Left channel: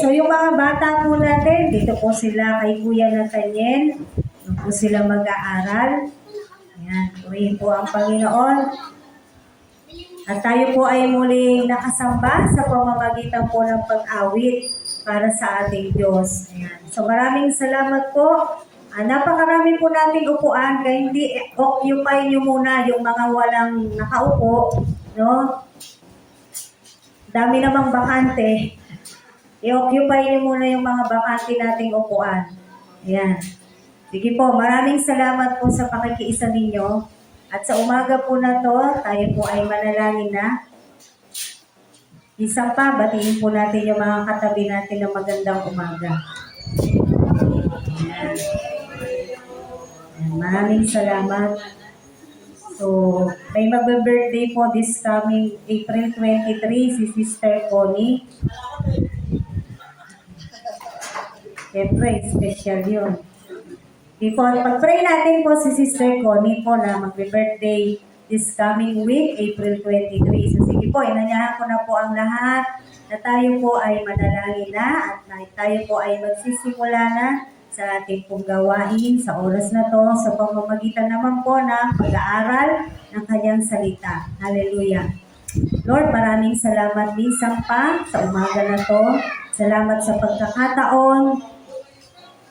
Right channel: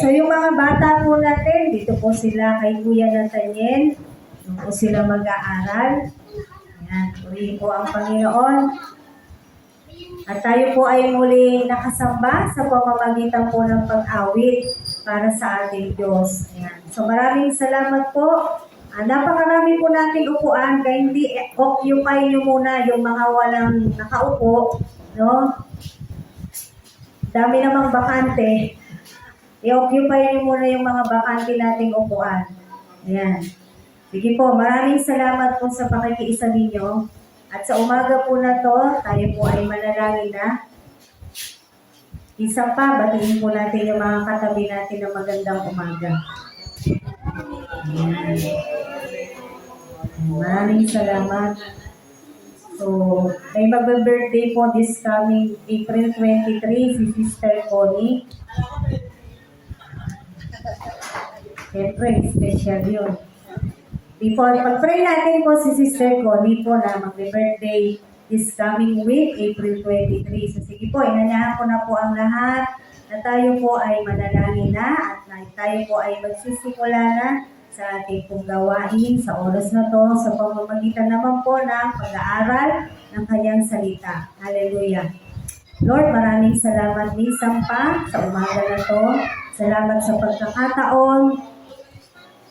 so yung mga bata po natin, dito po sila kay Kuya Nathaniel. Doon po sila mag-aaral. Ayan, purihin po ang Panginoon. At tayo po ay muling nakasamba sa pamamagitan po ng pag-awit para sa ating Diyos. Ayan. So maraming salamat po. Napakarami po nating upuan, kaya hindi occupy nyo muna yung mga walang nakaupo, no? Dami namang bakante. I-occupy nyo muna yung mga bakante nating upuan. Ayan. Sige po, maraming salamat po sa pakikiisa ninyo. At sa umaga po na to, tayo po ay manalangin na. Isa pa, batiin po natin yung mga katabi natin ng magandang umaga. Ayan. Maraming salamat. So, may mag-birthday po this coming April 23, si Sister Connie. Siyempre, special yun. Before, pag-pray natin po si Sister Connie po na mag-birthday this coming week, April 23. So, sige po, inanyahan ko na po ang lahat na tayo po ay manalangin na at tayo po ay magsisimula na sa ating pong gawain sa oras na to sa pamamagitan naman po ng pag-aaral ng kanyang salita. Hallelujah. Lord, maraming salamat minsan pa sa umaga na to. Salamat sa pagkakataon.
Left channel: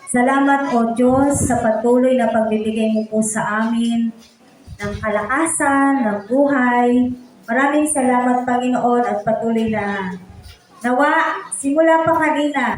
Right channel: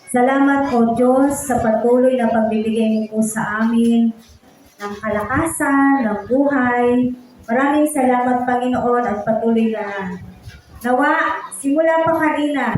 Salamat po Diyos sa patuloy na pagbibigay mo po sa amin ng kalakasan, ng buhay. Maraming salamat Panginoon at patuloy na nawa, simula pa kanina,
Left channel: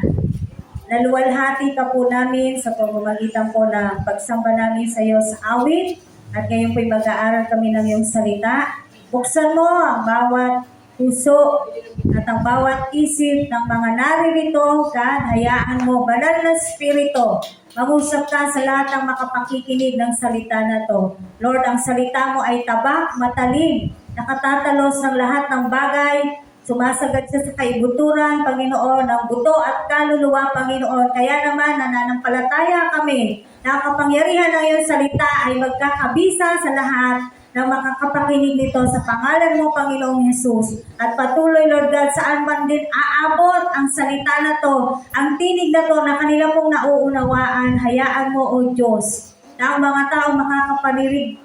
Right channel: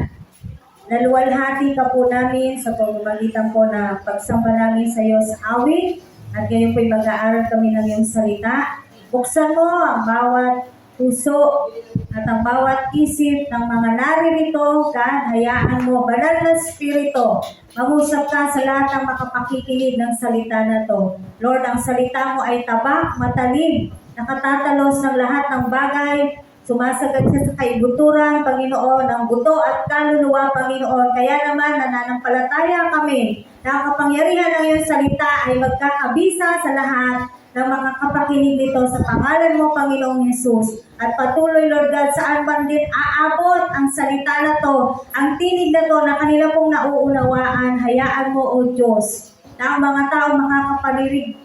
naluwalhati ka po namin sa pamamagitan po na pagsamba namin sa iyo sa awit at ngayon po'y mag-aaral kami ng iyong salita. Buksan mo ang bawat puso at ang bawat isip ng mga naririto, God, hayaan mo, banal na Espiritu, mag-usap ka sa lahat ng makapakikinig ng salita na to. Lord, ang salita mo ay tabak, matalim, nakatatalos ng lahat ng bagay, sumasagad siya sa kaibuturan, Panginoon, ng buto at kaluluwa, Panginoon. Kaya naman, nananampalataya kami na kapangyarihan ng iyong salita ay magkakabisa sa lahat ng makakapakinig nito sa pangalan mo, Panginoong Hesus. At patuloy, Lord God, saan man din aabot ang salita na to, ang tinig na to na kanila pong nauunawaan, hayaan mo, O Diyos, na ang mga tao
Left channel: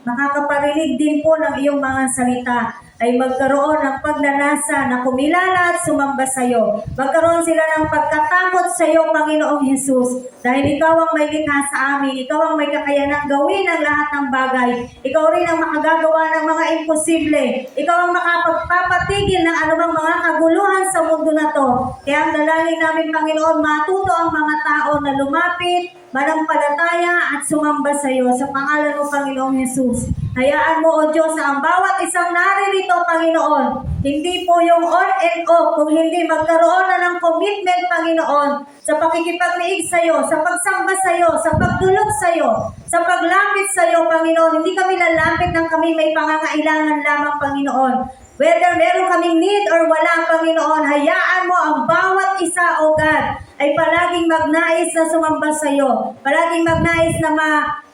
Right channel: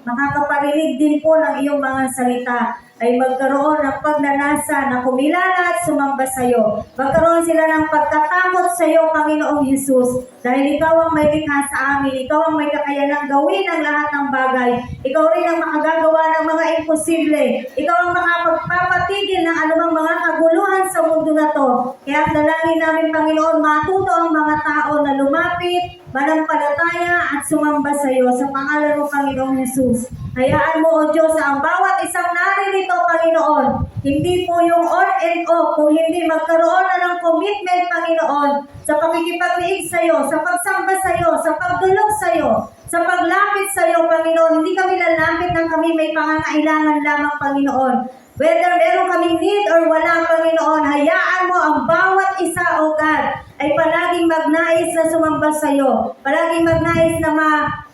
makakaparinig din po ng iyong mga salita ay magkaroon ng pagnanasa na kumilala at sumamba sa iyo. Magkaroon sila ng pagkatakot sa iyo, Panginoong Hesus. Dahil ikaw ang may likha sa amin, ikaw ang may kakayanang gawin ang lahat ng bagay. Ikaw rin ang makagagawa ng mga imposible. Ikaw ang makapagpapatigil ng anumang mga kaguluhan sa mundo na to. Kaya ang dalangin namin, Panginoon, matuto ang mga tao na lumapit, manampalataya at sumamba sa iyo. Sa pangalan mo, Panginoong Hesus. Hayaan mo, O Diyos, ang bawat isang naririto, Panginoon, hindi po yung on and off, kung hindi magkaroon na ng commitment, Panginoon, sa pakikipag-liig sa iyo, sa pagsamba sa iyo, sa pagdulog sa iyo, sa paglapit sa iyo, Panginoon. Hindi kami lalapit ng kami may pangangailangan lamang, Panginoon. Whether meron kaming need or wala, Panginoon, hayaan mo ang bawat isa, O God, ay palaging magnais na sumamba sa iyo. Palaging magnais na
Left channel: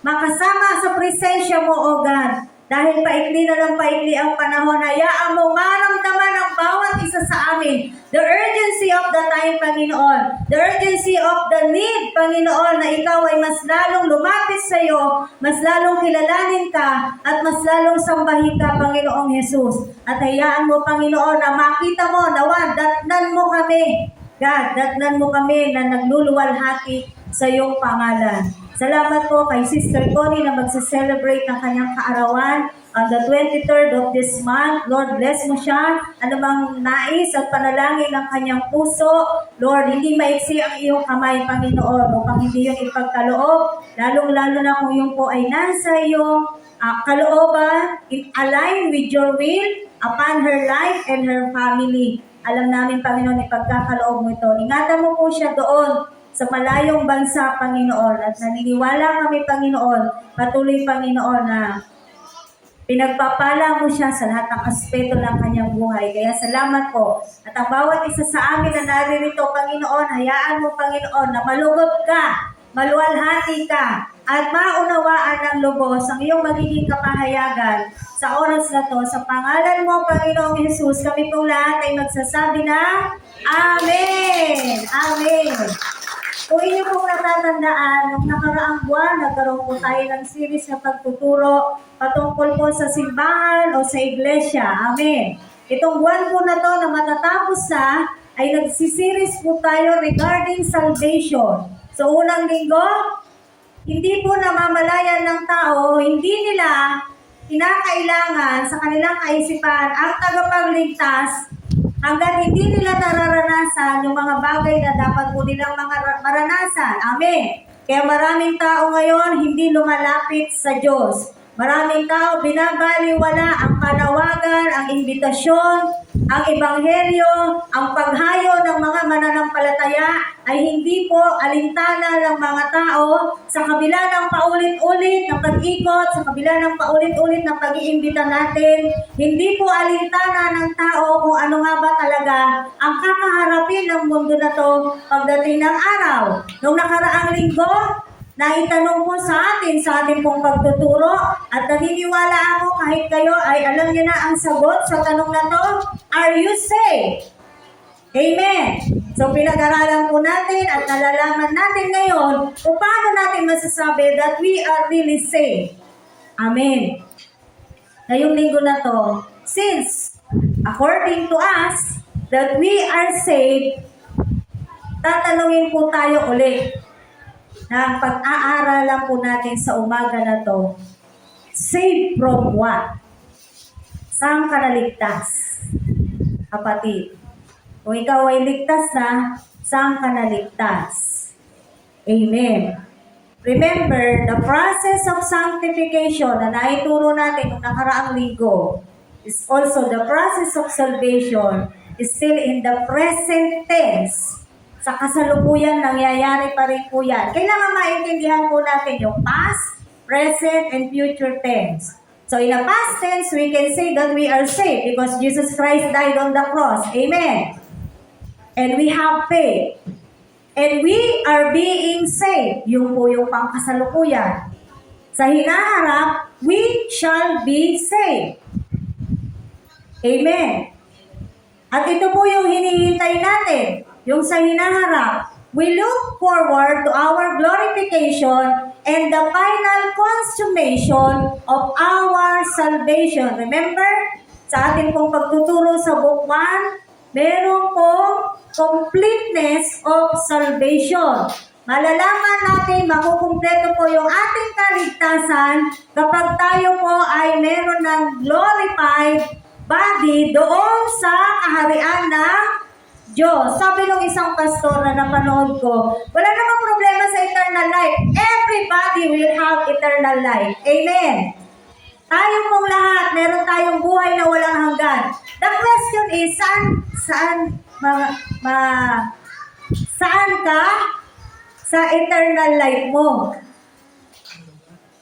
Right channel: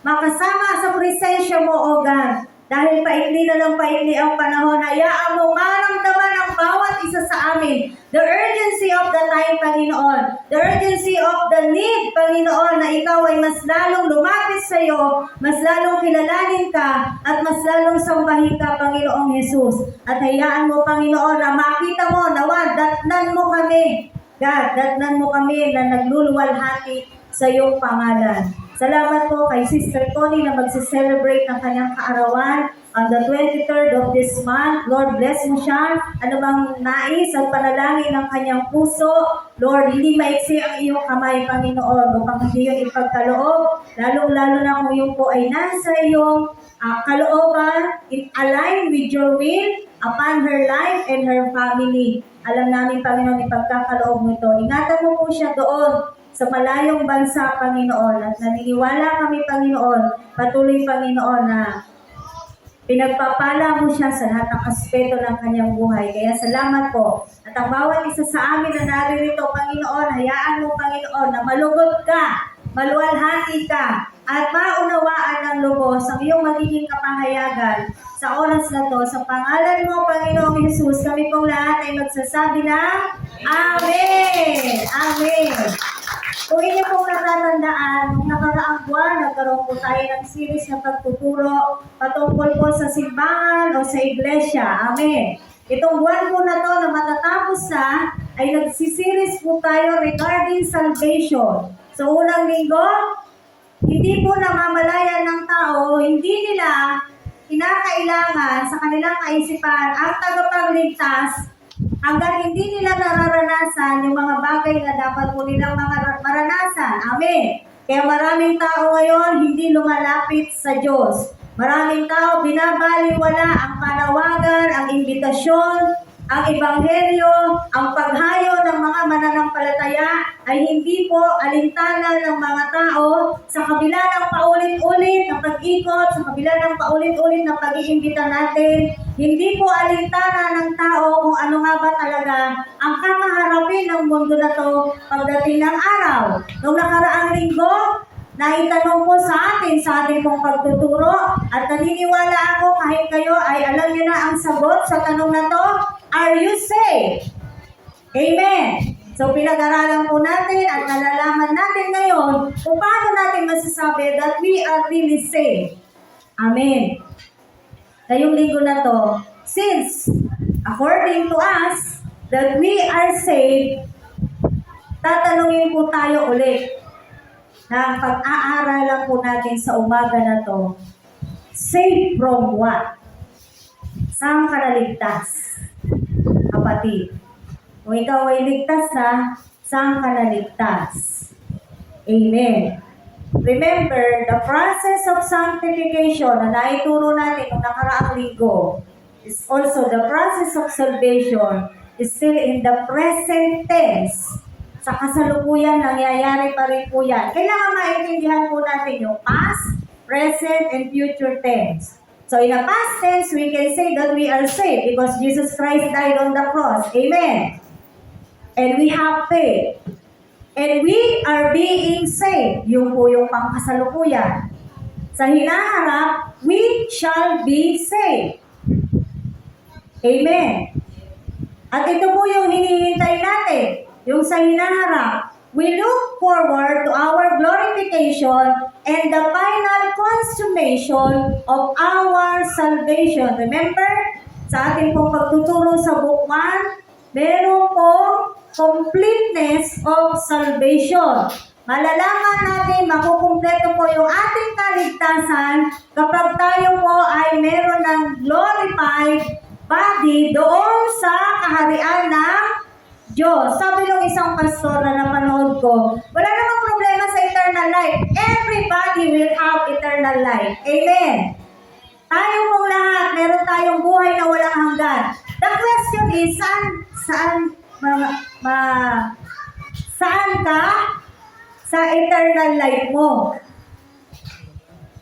makasama sa presensya mo, O God. Dahil paikli na lang paikli ang panahon, hayaan mo maramdaman ang bawat isa sa amin the urgency of the time, Panginoon. The urgency of the need, Panginoon, na ikaw ay mas lalong lumapit sa iyo, mas lalong kilalanin ka, at mas lalong sambahin ka, Panginoong Hesus. At hayaan mo, Panginoon, na makita mo, nawa, datnan mo kami. God, datnan mo kami na nagluluwalhati sa iyong pangalan. Salamat po kay Sister Connie na magse-celebrate ng kanyang kaarawan on the 23rd of this month. Lord, bless mo siya. Ano bang nais at panalangin ng kanyang puso. Lord, hindi maiksi ang iyong kamay, Panginoon, upang hindi yung ipagkaloob. Lalong-lalo na kung yung po ay nasa iyong kalooban, align with your will upon her life and her family. Alam namin, Panginoon, ipagkakaloob mo ito. Ingatan mo po siya doon sa malayong bansa, Panginoon. At naniniwala kami, Panginoon, patuloy, Panginoon, na pinagpapala mo siya sa lahat ng aspeto ng kanyang buhay. Kaya salamat po. At ang bawat isa sa amin na naririto, Panginoon, hayaan mo, Panginoon, na malugod ka maluwalhati ka, at maunawaan ng lubos ang iyong magiging kapahayagan sa oras na to. Sa pangalan mo, Panginoong Jesus, kami pong lahat ay magsasabi na Amen! Amen! Kung inyo pong natatandaan, nung nakaraang buwan, nagkaroon po tayo ng series na pagtuturo patungkol po sa simbahan o sa iglesia. Amen. Itong buwan po na to na matatapos na, ay nagsisiris po tayo regarding salvation. So unang linggo, hindi po namamalayan ng tao, hindi nila kinakailangan sa kanilang kaisipan ang tagapagligtas hanggang hindi nila nararanasan yung mga bagay na dapat po nilang maranasan. Amen. Kaya maraming tao ngayon hindi lumalapit sa Diyos. Maraming tao binabaliwala ang panawagan, ang imbitasyon, ang ebanghelyo, ang paghayo ng mga mananampalataya ay hindi po alintana ng mga tao sa kabila ng paulit-ulit na pag-ikot, sa kabila ng paulit-ulit na pag-iimbita natin. Hindi po alintana ng tao kung ano nga ba talaga ang kakaharapin ng mundo na to pagdating ng araw. Noong nakaraang linggo, naitanong po sa ating pong pagtuturo at naniniwala ako kahit kayo ay alam niyo na ang sagot sa tanong na to, are you saved? Amen! So pinag-aralan po natin at nalalaman natin ngayon kung paano natin masasabi that we are really saved. Amen! Ngayong linggo na to, since according to us that we are saved, tatanungin po tayo ulit na pag-aaralan po natin sa umaga na to, saved from what? Saan ka naligtas? Kapatid, kung ikaw ay ligtas na, saan ka naligtas? Amen. Remember, the process of sanctification na naituro natin nung nakaraang linggo is also the process of salvation is still in the present tense. Sa kasalukuyan, nangyayari pa rin po yan. Kailangan maintindihan po natin yung past, present, and future tense. So in the past tense, we can say that we are saved because Jesus Christ died on the cross. Amen. And we have faith. And we are being saved. Yung po yung pangkasalukuyan. Sa hinaharap, we shall be saved. Amen. At ito po yung hinihintay natin. Yung sa hinaharap, we look forward to our glorification and the final consummation of our salvation. Remember, sa ating pong pagtuturo sa Book 1, meron pong completeness of salvation. Malalaman natin, makukumpleto po yung ating kaligtasan kapag tayo po ay meron ng glorified body doon sa kaharian ng Diyos. Sabi ng isang pastor na napanood ko, wala namang problema sa eternal life. Everybody will have eternal life. Amen. Tayo pong lahat, meron tayong buhay na walang hanggan. The question is, saan ka sa eternal life mo?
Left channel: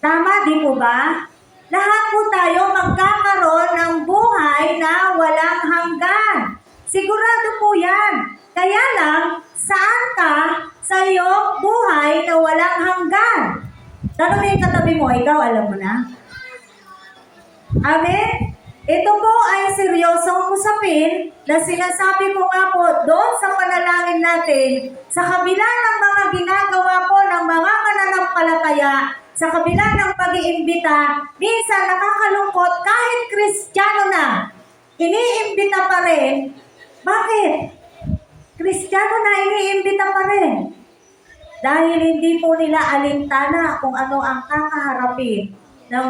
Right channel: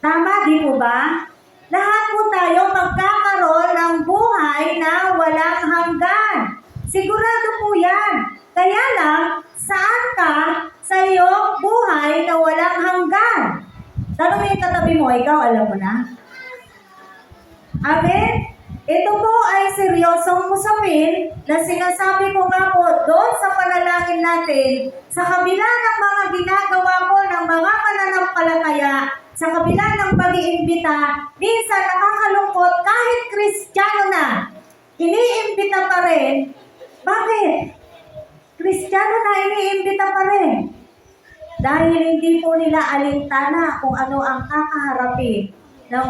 Tama, di po ba? Lahat po tayo magkakaroon ng buhay na walang hanggan. Sigurado po yan. Kaya lang, saan ka sa iyong buhay na walang hanggan? Tanungin katabi mo, ikaw alam mo na? Amen? Ito po ay seryosong usapin na sinasabi ko nga po doon sa panalangin natin, sa kabila ng mga ginagawa po ng mga mananampalataya, sa kabila ng pag-iimbita, minsan nakakalungkot kahit Kristiyano na, iniimbita pa rin. Bakit? Kristiyano na iniimbita pa rin. Dahil hindi po nila alintana kung ano ang kakaharapin ng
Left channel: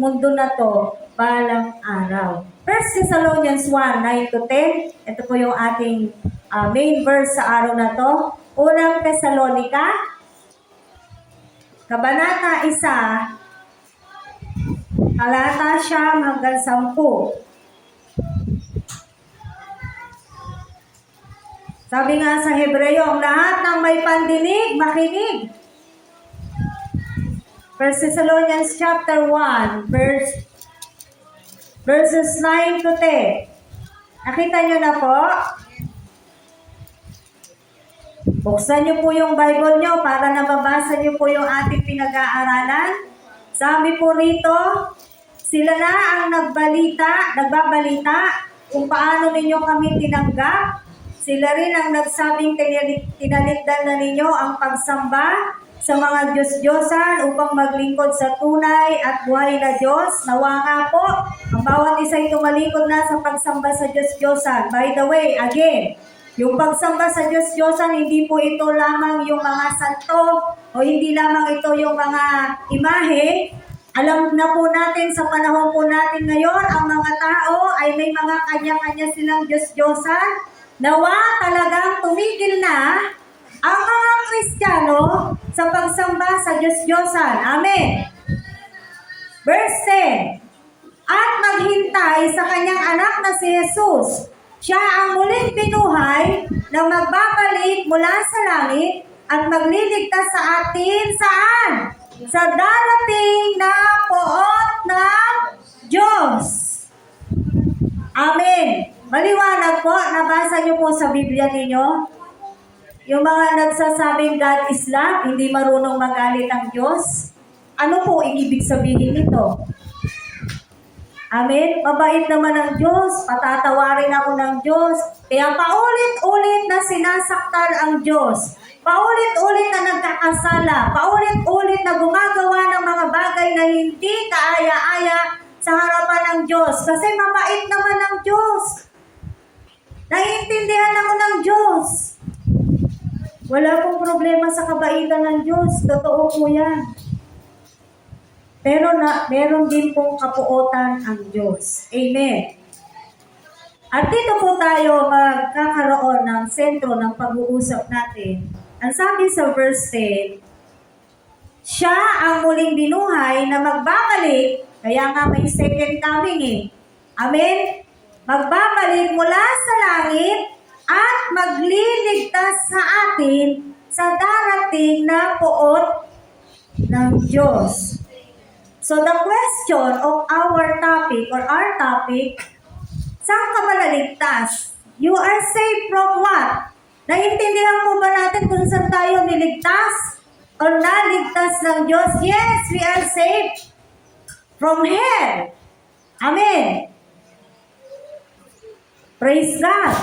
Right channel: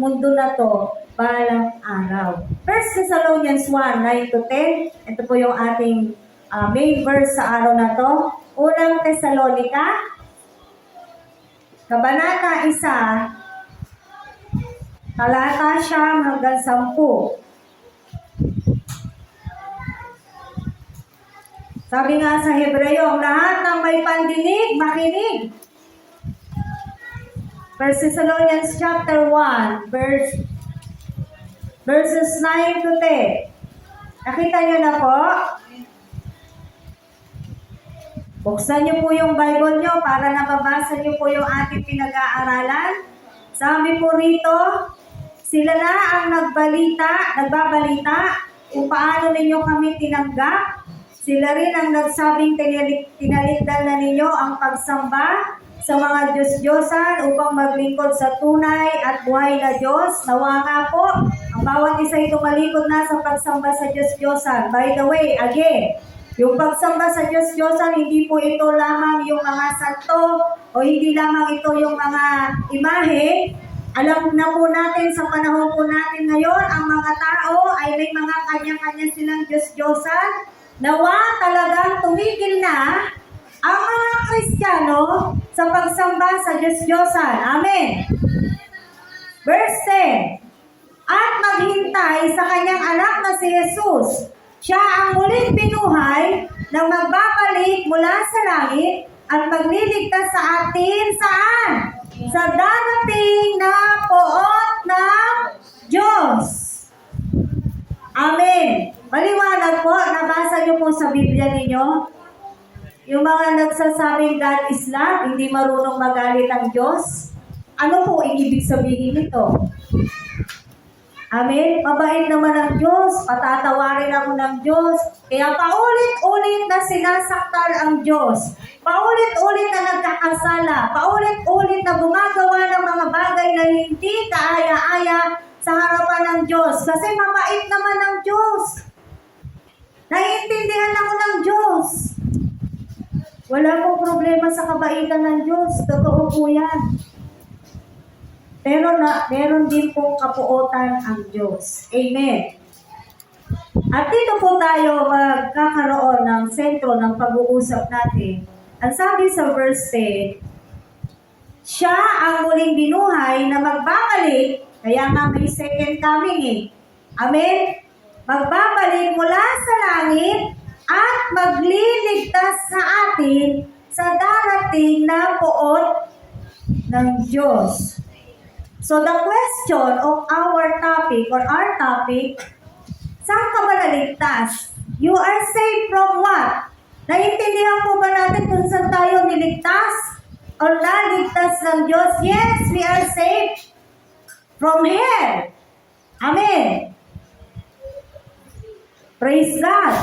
mundo na to balang araw. 1 Thessalonians 1, 9-10. Ito po yung ating main verse sa araw na to. Unang Tesalonika, Kabanata 1, talata siyam hanggang 10. Sabi nga sa Hebreo, ang lahat ng may pandinig, makinig. 1 Thessalonians chapter 1, verses 9-10. Nakita niyo na po? Buksan niyo po yung Bible niyo para nababasa niyo po yung ating pinag-aaralan. Sabi po rito, sila na ang nagbabalita kung paano ninyo kami tinanggap. Sila rin ang nagsabing tinalikdan na ninyo ang pagsamba sa mga Diyos-Diyosan upang maglingkod sa tunay at buhay na Diyos. Nawa nga po, ang bawat isa ay tumalikod na sa pagsamba sa Diyos-Diyosan. By the way, again, yung pagsamba sa Diyos-Diyosan, hindi po ito lamang yung mga santo o hindi lamang ito yung mga imahe. Alam na po natin sa panahon po natin ngayon, ang mga tao ay may mga kanya-kanya silang Diyos-Diyosan. Nawa talagang tumigil na ang mga Kristiyano sa pagsamba sa Diyos-Diyosan. Amen. Verse 10, at maghintay sa kanyang anak na si Jesus. Siya ang muling binuhay na magbabalik mula sa langit at magliligtas sa atin saan? Sa darating na poot ng Diyos. Amen. Maliwanag po, nabasa niyo po sa Biblia ninyo. Yung mga nagsasabing God is love, hindi marunong magalit ang Diyos. Ano po ang ibig sabihin nito? Amen? Mabait naman ang Diyos, patatawarin ako ng Diyos. Kaya paulit-ulit na sinasaktan ang Diyos. Paulit-ulit na nagkakasala. Paulit-ulit na gumagawa ng mga bagay na hindi kaaya-aya sa harapan ng Diyos. Kasi mabait naman ang Diyos. Naiintindihan ako ng Diyos. Wala pong problema sa kabaitan ng Diyos. Totoo po yan. Pero meron din pong kapuotan ang Diyos. Amen. At dito po tayo magkakaroon ng sentro ng pag-uusap natin. Ang sabi sa verse 10, siya ang muling binuhay na magbabalik, kaya nga may second coming eh. Amen? Magbabalik mula sa langit at magliligtas sa atin sa darating na poot ng Diyos. So the question of our topic saan ka ba naligtas? You are saved from what? Naintindihan po ba natin kung saan tayo niligtas? O naligtas ng Diyos? Yes, we are saved from hell. Amen. Praise God.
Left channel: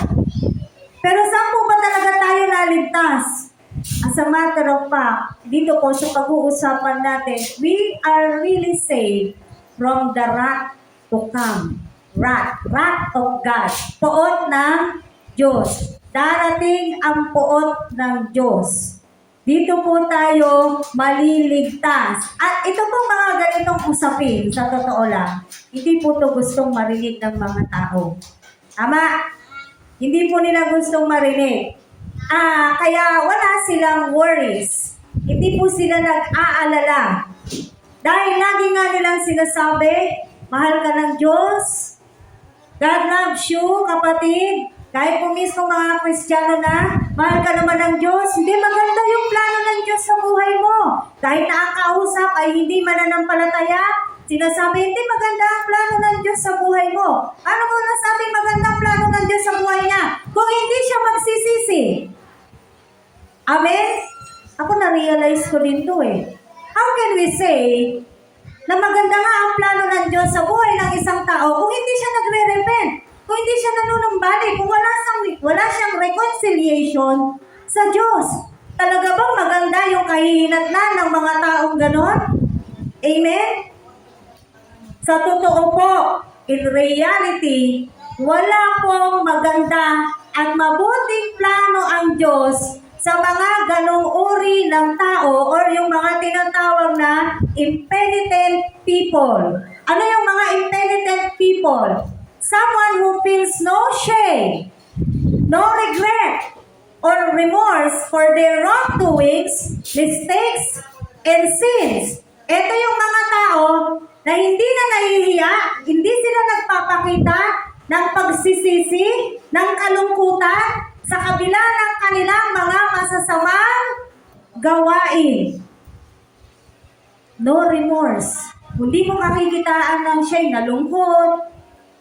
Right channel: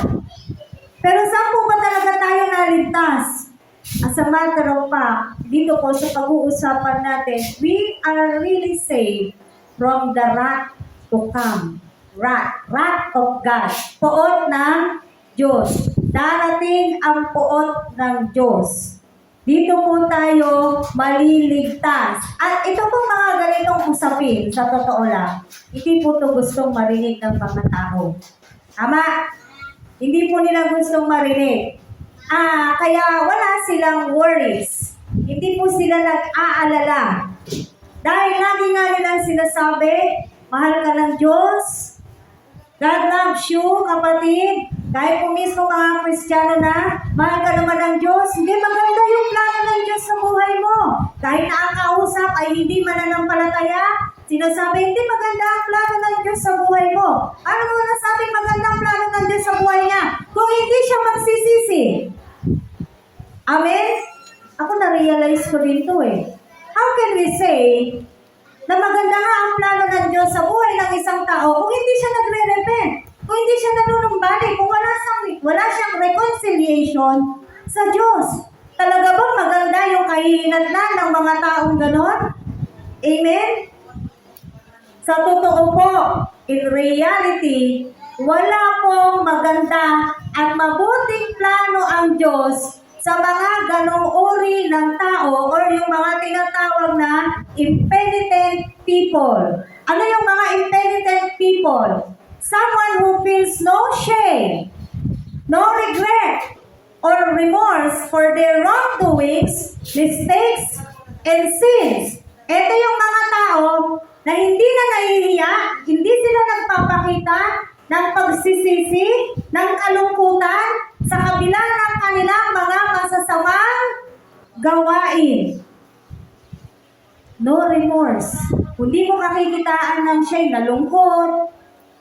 Pero saan po ba talaga tayo naligtas? As a matter of fact, dito po sa pag-uusapan natin, we are really saved from the wrath to come. Wrath of God. Poot ng Diyos. Darating ang poot ng Diyos. Dito po tayo maliligtas. At ito po mga ganitong usapin, sa totoo lang, hindi po ito gustong marinig ng mga tao. Tama? Hindi po nila gustong marinig. Kaya wala silang worries. Hindi po sila nag-aalala. Dahil lagi nga nilang sinasabi, mahal ka ng Diyos. God loves you, kapatid. Kahit po mismo mga Kristiyano na, mahal ka naman ng Diyos. Hindi maganda yung plano ng Diyos sa buhay mo. Kahit nakakausap ay hindi mananampalataya, sinasabi, hindi maganda ang plano ng Diyos sa buhay mo. Ano mo nasabi maganda ang plano ng Diyos sa buhay niya? Kung hindi siya magsisisi. Amen? Ako na-realize ko din to eh. How can we say na maganda nga ang plano ng Diyos sa buhay ng isang tao kung hindi siya nagre-repent, kung hindi siya nanunumbalik, kung wala siyang reconciliation sa Diyos? Talaga bang maganda yung kahihinatnan ng mga taong ganon? Amen? Sa totoo po, in reality, wala pong maganda at mabuting plano ang Diyos sa mga ganong uri ng tao or yung mga tinatawag na impenitent people. Ano yung mga impenitent people? Someone who feels no shame, no regret, or remorse for their wrongdoings, mistakes, and sins. Ito yung mga tao na hindi na nahihiya, hindi sila nagpapakita ng pagsisisi, ng kalungkutan, sa kabila ng kanilang mga masasamang gawain. No remorse. Kung di mo makikitaan ng siya'y nalungkot,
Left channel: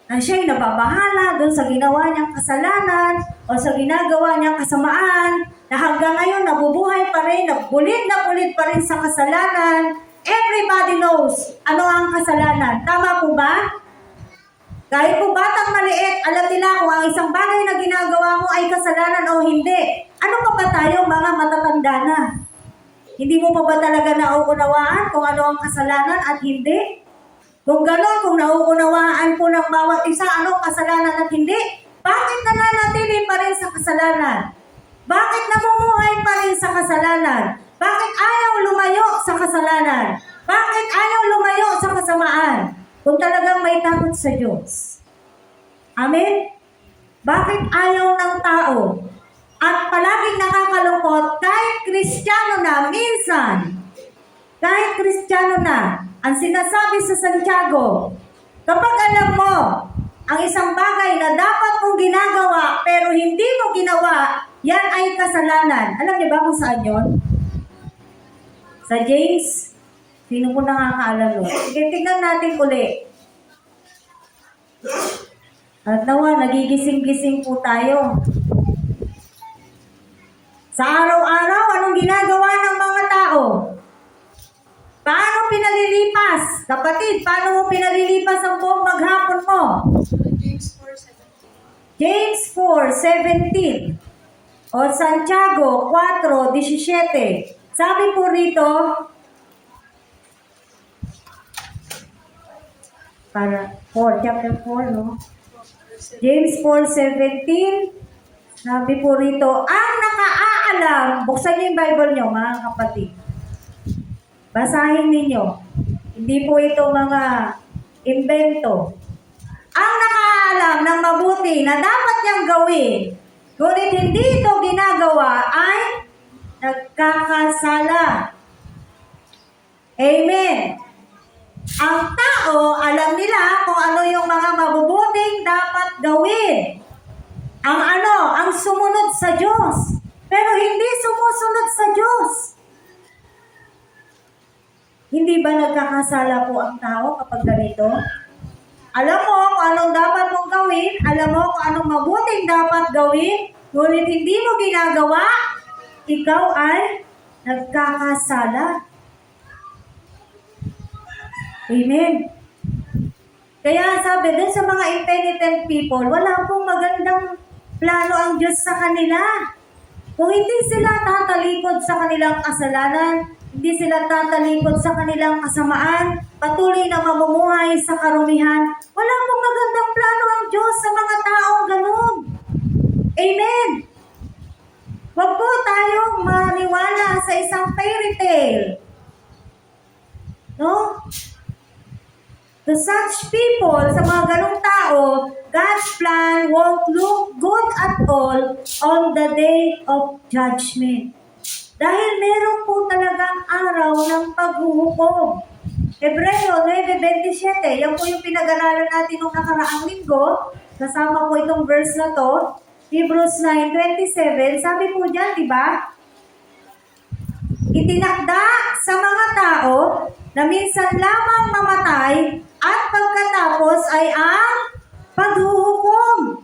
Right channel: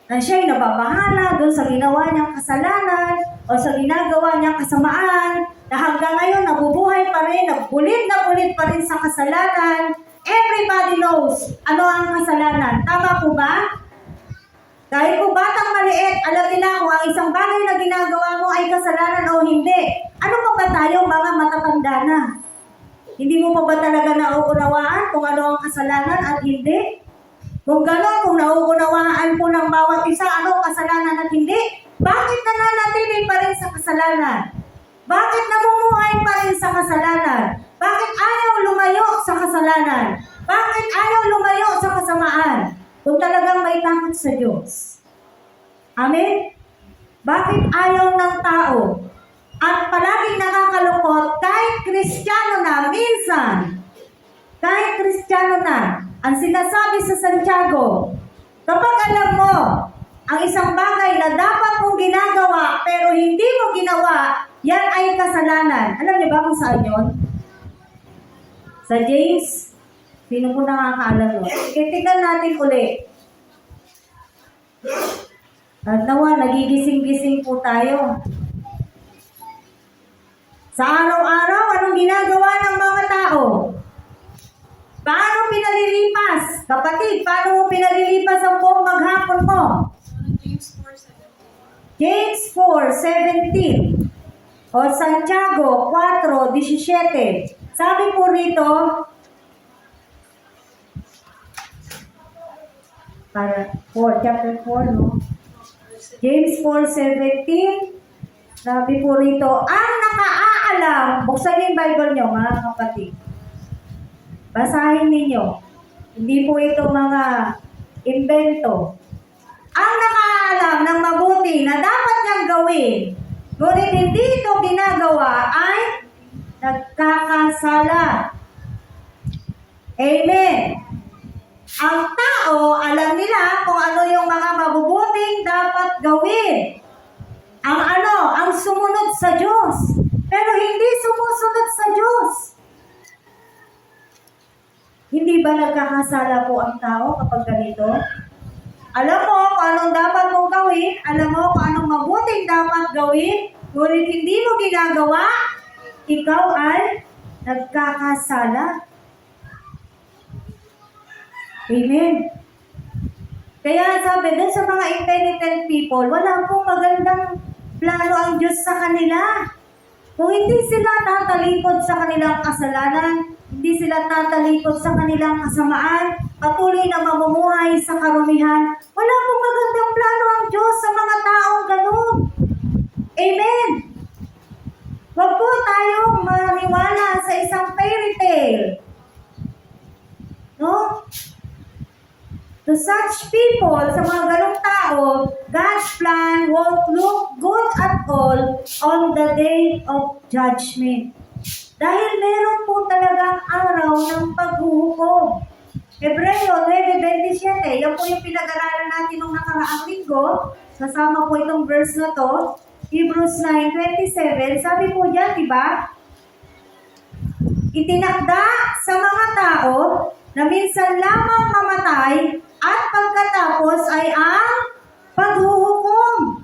na siya'y nababahala doon sa ginawa niyang kasalanan o sa ginagawa niyang kasamaan, na hanggang ngayon nabubuhay pa rin, na bulit pa rin sa kasalanan. Everybody knows ano ang kasalanan. Tama po ba? Kahit po batang maliit, alam nila kung ang isang bagay na ginagawa mo ay kasalanan o hindi. Ano pa ba tayo mga matatanda na? Hindi mo pa ba talaga nauunawaan kung ano ang kasalanan at hindi? Kung gano'n, kung nauunawaan po ng bawat isa ano ang kasalanan at hindi, bakit nananatili pa rin sa kasalanan? Bakit namumuhay pa rin sa kasalanan? Bakit ayaw lumayo sa kasalanan? Bakit ayaw lumayo sa kasamaan? Kung talagang may takot sa Diyos. Amen? Bakit ayaw ng tao? At palaging nakakalungkot, kahit Kristiyano na, minsan, kahit Kristiyano na, ang sinasabi sa Santiago, kapag alam mo, ang isang bagay na dapat mong ginagawa, pero hindi mo ginawa, yan ay kasalanan. Alam niyo ba kung saan yun? Sa James? Sino po nakakaalam mo? Sige, tignan natin ulit. At nawa, nagigising-gising po tayo. Sa araw-araw, anong ginagawa ng mga tao? Paano pinalilipas? Kapatid, paano mo pinalilipas ang buong maghapon mo? James 4:17 o Santiago 4:17. Sabi po rito, para chapter 4, no? James 4:17, sabi po rito, ang nakaalam, buksan niyo yung Bible niyo, mga kapatid. Basahin ninyo. Hindi po ito mga invento. Ang nakaalam ng mabuti na dapat niyang gawin, ngunit hindi ito ginagawa, ay nagkakasala. Amen. Ang tao, alam nila kung ano yung mga mabubuting dapat gawin. Ang sumunod sa Diyos. Pero hindi sumusunod sa Diyos. Hindi ba nagkakasala po ang tao kapag ganito? Alam mo kung anong dapat mong gawin, alam mo kung anong mabuting dapat gawin, ngunit hindi mo ginagawa, ikaw ay nagkakasala. Amen. Kaya sabi din sa mga impenitent people, wala pong magandang plano ang Diyos sa kanila. Kung hindi sila tatalikod sa kanilang kasalanan, hindi sila tatalikod sa kanilang kasamaan, patuloy na mamumuhay sa karumihan, wala pong magandang plano ang Diyos sa mga taong ganun. Amen. Huwag po tayong maniwala sa isang fairy tale. No? To such people, sa mga ganong tao, God's plan won't look good at all on the day of judgment. Dahil meron po talagang araw ng paghuhukom. Hebreo 9:27, yan po yung pinag-aralan natin nung nakaraang linggo. Kasama po itong verse na to. Hebrews 9:27, sabi po dyan, diba? Itinakda sa mga tao na minsan lamang mamatay at pagkatapos ay ang paghuhukom.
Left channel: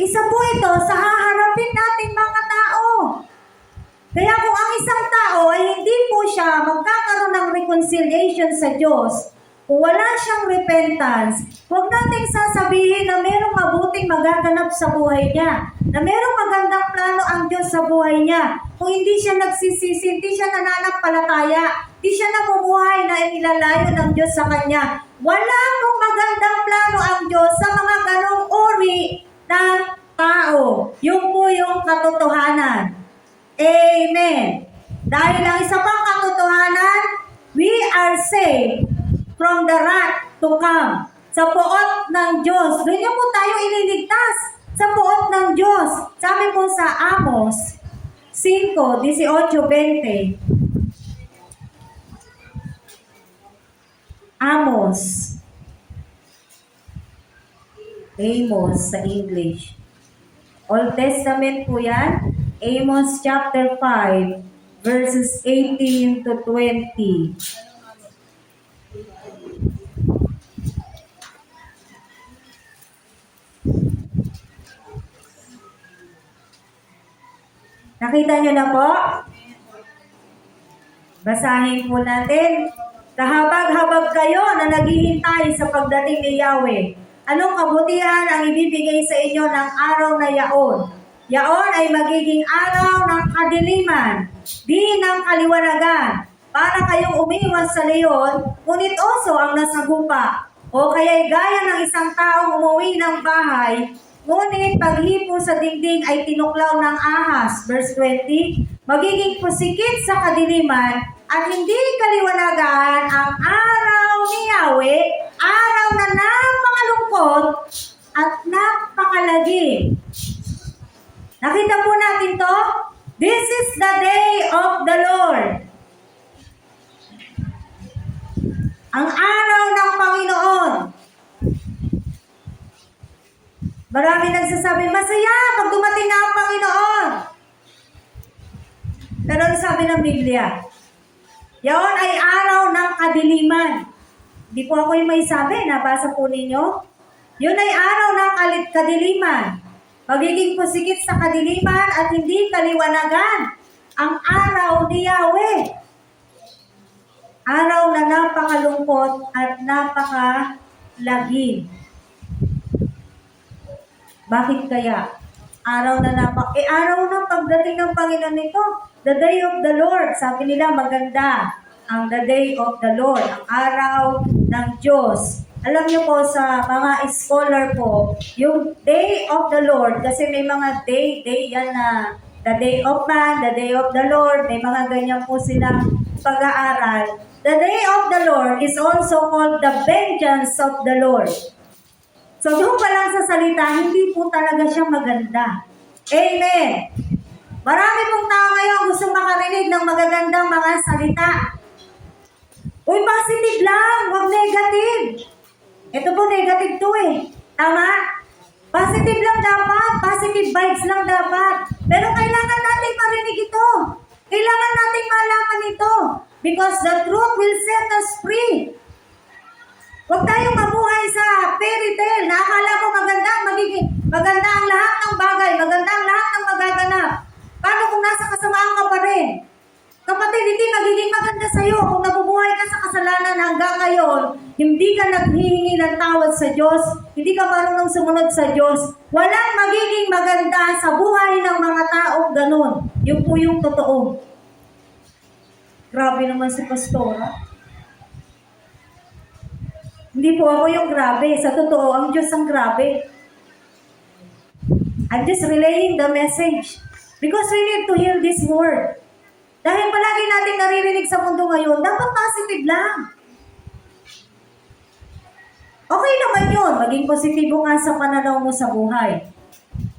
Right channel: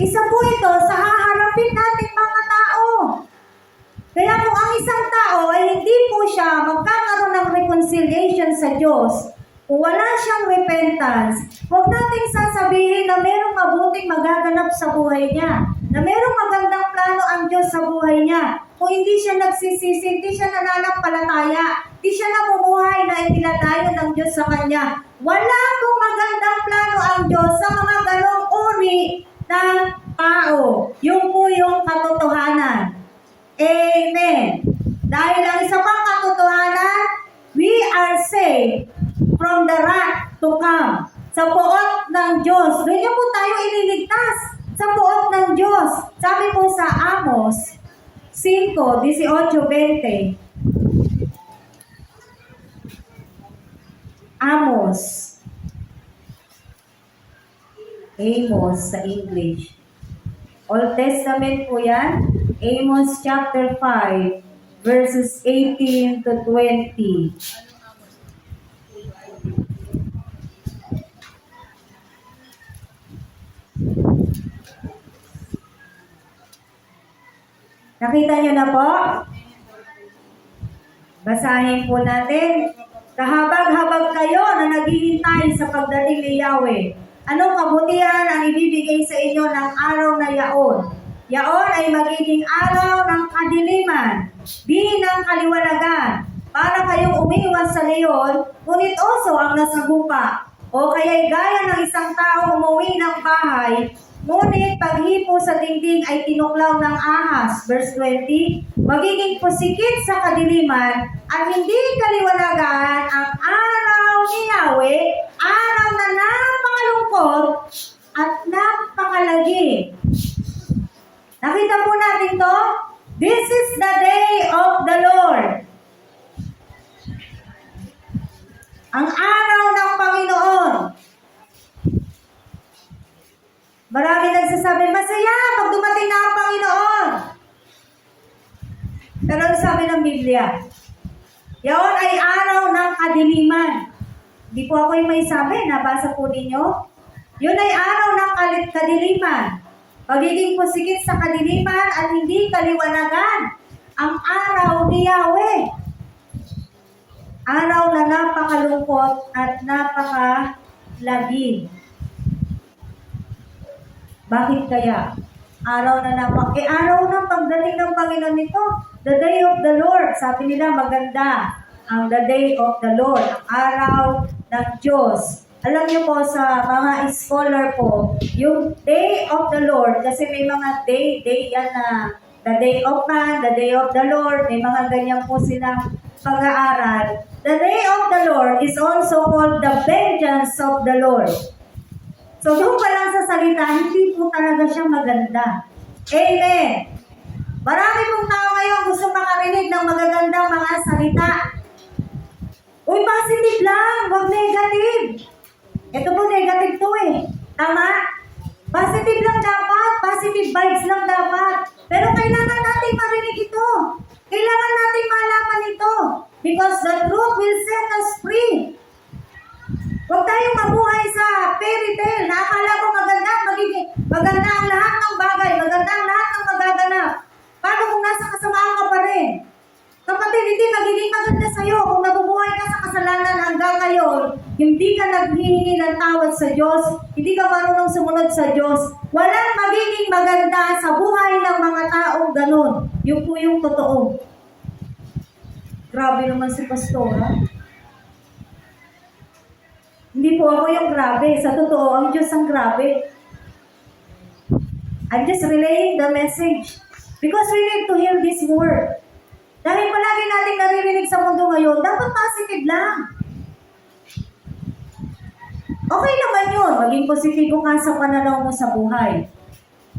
Isa po ito sa haharapin nating mga tao. Kaya kung ang isang tao ay hindi po siya magkakaroon ng reconciliation sa Diyos, kung wala siyang repentance, huwag nating sasabihin na mayroong mabuting magaganap sa buhay niya, na mayroong magandang plano ang Diyos sa buhay niya. Kung hindi siya nagsisisi, hindi siya nananampalataya, hindi siya namumuhay na inilalayo ng Diyos sa kanya. Wala pong magandang plano ang Diyos sa mga ganong uri ng tao. Yun po yung katotohanan. Amen. Dahil ang isa pang katotohanan, we are saved from the wrath to come. Sa poot ng Diyos. Doon niyo po tayo iniligtas. Sa poot ng Diyos. Sabi po sa Amos 5:18-20. Amos sa English. Old Testament po yan. Amos chapter 5, verses 18-20. Nakita niyo na po? Basahin po natin. Kahabag-habag kayo na naghihintay sa pagdating ni Yahweh. Anong kabutihan ang ibibigay sa inyo ng araw na yaon? Yaon ay magiging araw ng kadiliman, di ng kaliwanagan. Para kayong umiwas sa leyon, ngunit oso ang nasagupa. O kaya'y gaya ng isang taong umuwi ng bahay, ngunit paghipo sa dingding ay tinuklaw ng ahas. Verse 20, magiging pusikit sa kadiliman at hindi kaliwanagan ang araw ni Yahweh, araw na napakalungkot at napakalagim. Nakita po natin to? This is the day of the Lord. Ang araw ng Panginoon. Marami nagsasabi, masaya pag dumating na ang Panginoon. Pero ano sabi ng Biblia? Yaon ay araw ng kadiliman. Hindi po ako yung may sabi, nabasa po ninyo. Yun ay araw ng kadiliman. Magiging pusikit sa kadiliman at hindi kaliwanagan ang araw ni Yahweh. Araw na napakalungkot at napakalagim. Bakit kaya? Araw na araw ng pagdating ng Panginoon nito. The day of the Lord. Sabi nila maganda ang the day of the Lord. Araw ng Diyos. Alam niyo po sa mga scholar po, yung day of the Lord, kasi may mga day yan na the day of man, the day of the Lord, may mga ganyan po silang pag-aaral. The day of the Lord is also called the vengeance of the Lord. So doon pa lang sa salita, hindi po talaga siya maganda. Amen. Marami pong tao ngayon gusto makarinig ng magagandang mga salita. Uy, positive lang, huwag negative. Ito po negative to eh. Tama? Positive lang dapat, positive vibes lang dapat. Pero kailangan natin marinig ito. Kailangan natin malaman ito. Because the truth will set us free. Huwag tayong mabuhay sa fairy tale na akala mo maganda ang lahat ng bagay, maganda ang lahat ng magaganap. Paano kung nasa kasamaan ka pa rin? Kapatid, hindi magiging maganda sa'yo kung nabubuhay ka sa kasalanan hanggang ngayon, hindi ka naghihingi ng tawad sa Diyos, hindi ka marunong sumunod sa Diyos, walang magiging maganda sa buhay ng mga taong ganun. Yun po yung totoo. Grabe naman si Pastora. Hindi po ako yung grabe. Sa totoo, ang Diyos ang grabe. I'm just relaying the message. Because we need to hear this word. Dahil palagi natin naririnig sa mundo ngayon, dapat positive lang. Okay naman yun, maging positibo ka sa pananaw mo sa buhay.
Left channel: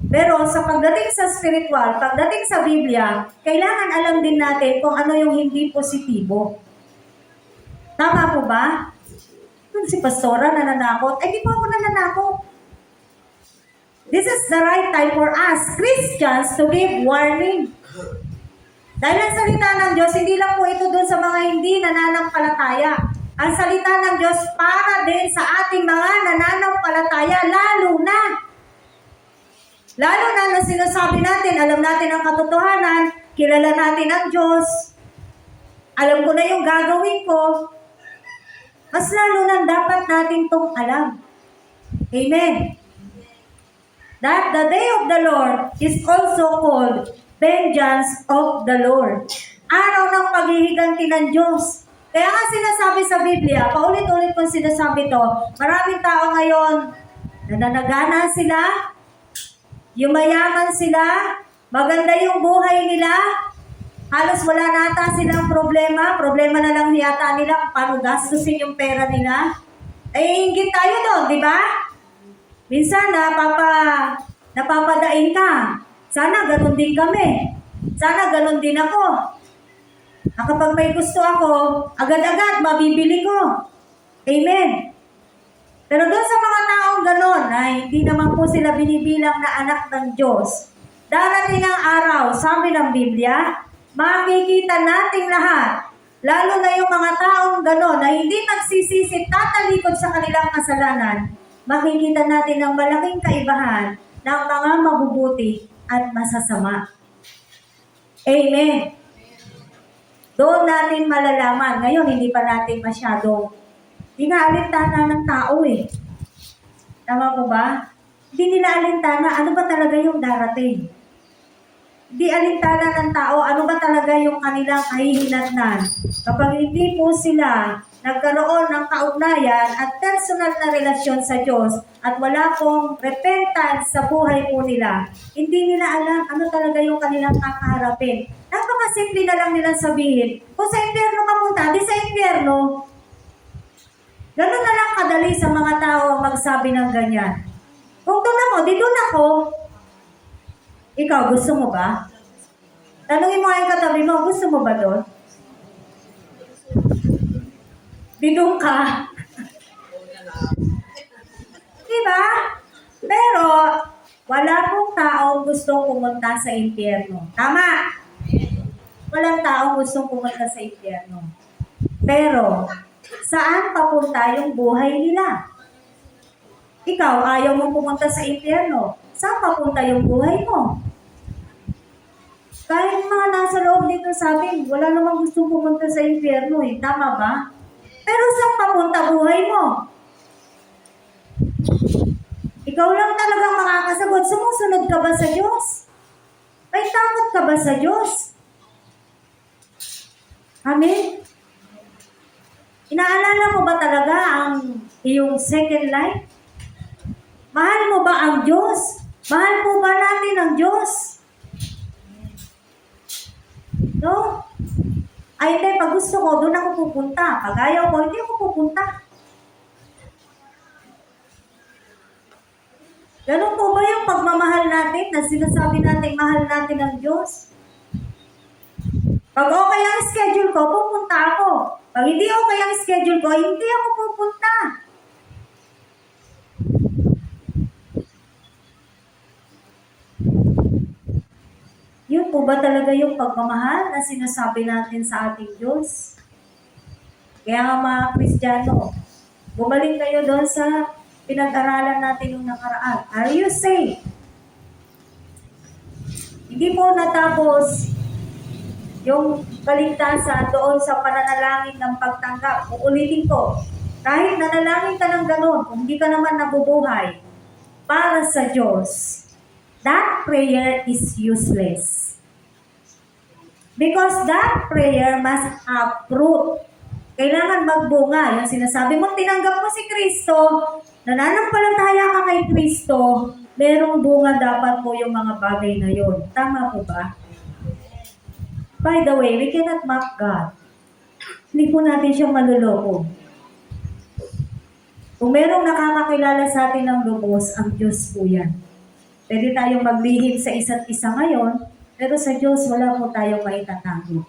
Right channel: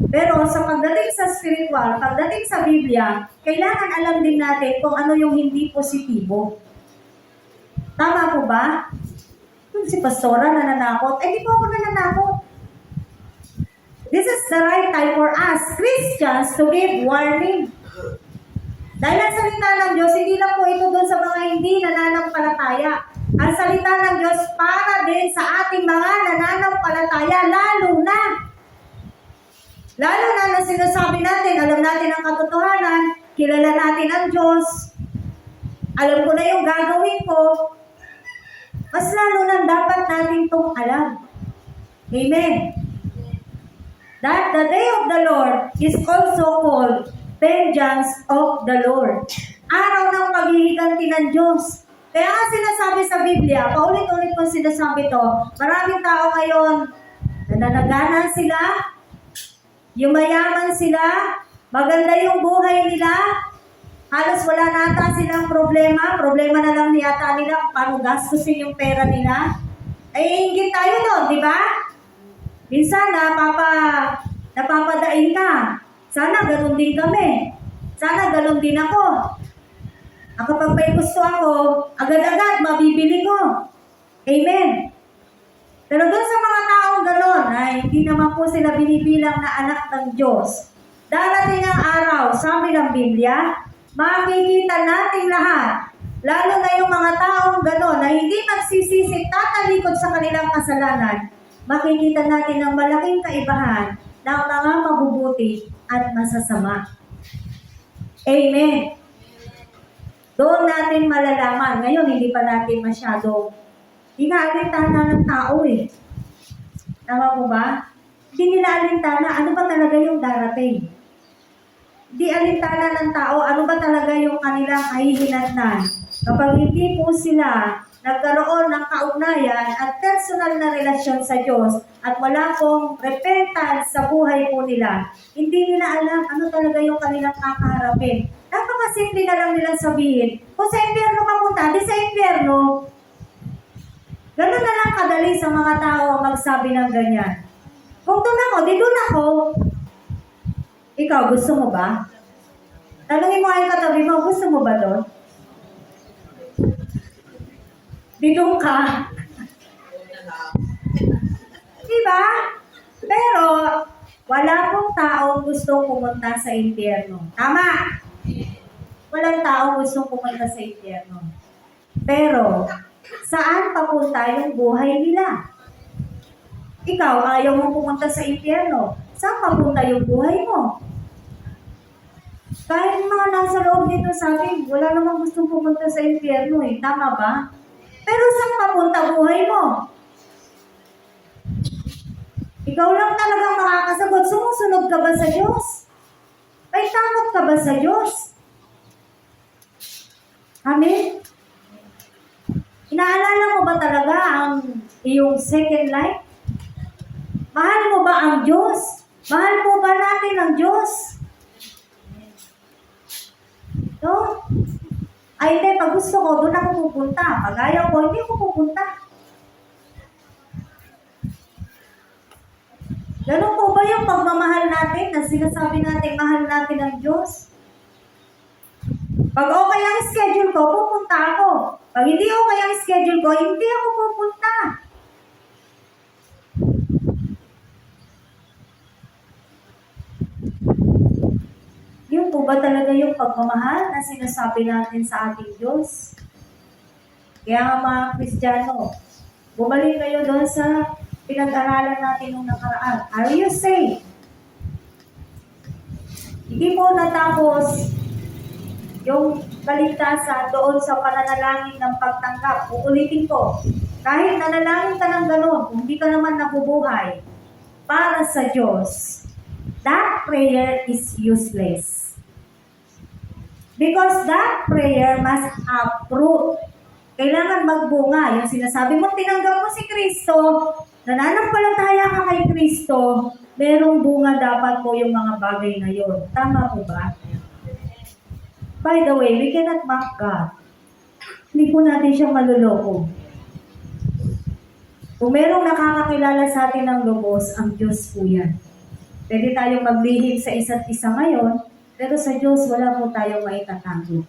Pero sa pagdating sa spiritual, pagdating sa Biblia, kailangan alam din natin kung ano yung hindi positibo. Tama po ba? Si Pastora nananakot, di po ako nananakot. This is the right time for us, Christians, to give warning. Dahil ang salita ng Diyos, hindi lang po ito doon sa mga hindi nananampalataya. Ang salita ng Diyos para din sa ating mga nananampalataya, lalo na sinasabi natin, alam natin ang katotohanan, kilala natin ang Diyos, alam ko na yung gagawin ko, mas lalo na dapat natin itong alam. Amen. That the day of the Lord is also called vengeance of the Lord. Araw ng paghihiganti ng Diyos. Kaya nga sinasabi sa Biblia, paulit-ulit ko sinasabi to, maraming tao ngayon, nananagana sila, yumayaman sila, maganda yung buhay nila, halos wala na ata silang problema na lang yata nila paano gastusin yung pera nila. Ay, ingit tayo doon, di ba? Minsan, napapadain ka. Sana ganun din kami. Sana ganun din ako. Kapag may gusto ako, agad-agad mabibili ko. Amen. Pero doon sa mga taong ganun, na hindi naman po sila binibilang na anak ng Diyos, darating ang araw, sabi ng Biblia, makikita nating lahat, lalo na yung mga taong gano'n na hindi magsisisi, tatalikod sa kanilang kasalanan, makikita natin ang malaking kaibahan ng mga mabubuti at masasama. Amen. Doon natin malalaman. Ngayon, hindi pa natin masyado inaalintana ng tao eh. Tama po ba? Hindi nila alintana, ano ba talaga yung darating? Hindi alintana ng tao, ano ba talaga yung kanilang kahihinatnan? Kapag hindi po sila nagkaroon ng kaugnayan at personal na relasyon sa Diyos at wala pong repentance sa buhay po nila, hindi nila alam ano talaga yung kanilang kakaharapin. Napakasimple na lang nila sabihin, kung sa impyerno ka punta, di sa impyerno. Ganun na lang kadali sa mga tao magsabi ng ganyan. Kung doon ako, di doon ako. Ikaw, gusto mo ba? Tanungin mo ay katabi mo, gusto mo ba doon? Bidong ka. Diba? Pero, wala pong taong gustong pumunta sa impyerno. Tama? Walang taong gustong pumunta sa impyerno. Pero, saan papunta yung buhay nila? Ikaw, ayaw mong pumunta sa impyerno. Saan papunta yung buhay mo? Kahit mga nasa loob dito sa atin, wala namang gustong pumunta sa impyerno eh. Tama ba? Pero saan papunta buhay mo? Ikaw lang talaga makakasagot. Sumusunod ka ba sa Diyos? May takot ka ba sa Diyos? Amen? Inaalala mo ba talaga ang iyong second life? Mahal mo ba ang Diyos? Mahal po ba natin ang Diyos? No? Ay, hindi. Pag gusto ko, doon ako pupunta. Pag ayaw ko, hindi ako pupunta. Ganun po ba yung pagmamahal natin na sinasabi natin mahal natin ang Diyos? Pag okay ang schedule ko, pupunta ako. Pag hindi okay ang schedule ko, hindi ako pupunta. Yun po ba talaga yung pagmamahal na sinasabi natin sa ating Diyos? Kaya nga mga Kristiyano, bumalik kayo doon sa pinag-aralan natin nung nakaraan. Are you saved? Hindi po natapos yung kaligtasan doon sa pananalangin ng pagtanggap. Uulitin ko, kahit nanalangin ka ng gano'n, kung hindi ka naman nabubuhay para sa Diyos, that prayer is useless. Because that prayer must have fruit. Kailangan magbunga. Yung sinasabi mo, tinanggap mo si Kristo, nananampalataya ka kay Kristo, merong bunga dapat po yung mga bagay na yun. Tama po ba? By the way, we cannot mock God. Hindi po natin siya maluloko. Kung merong nakakakilala sa atin ng lubos, ang Diyos po yan. Pwede tayong maglihim sa isa't isa ngayon, pero sa Diyos, wala po tayong maitatago.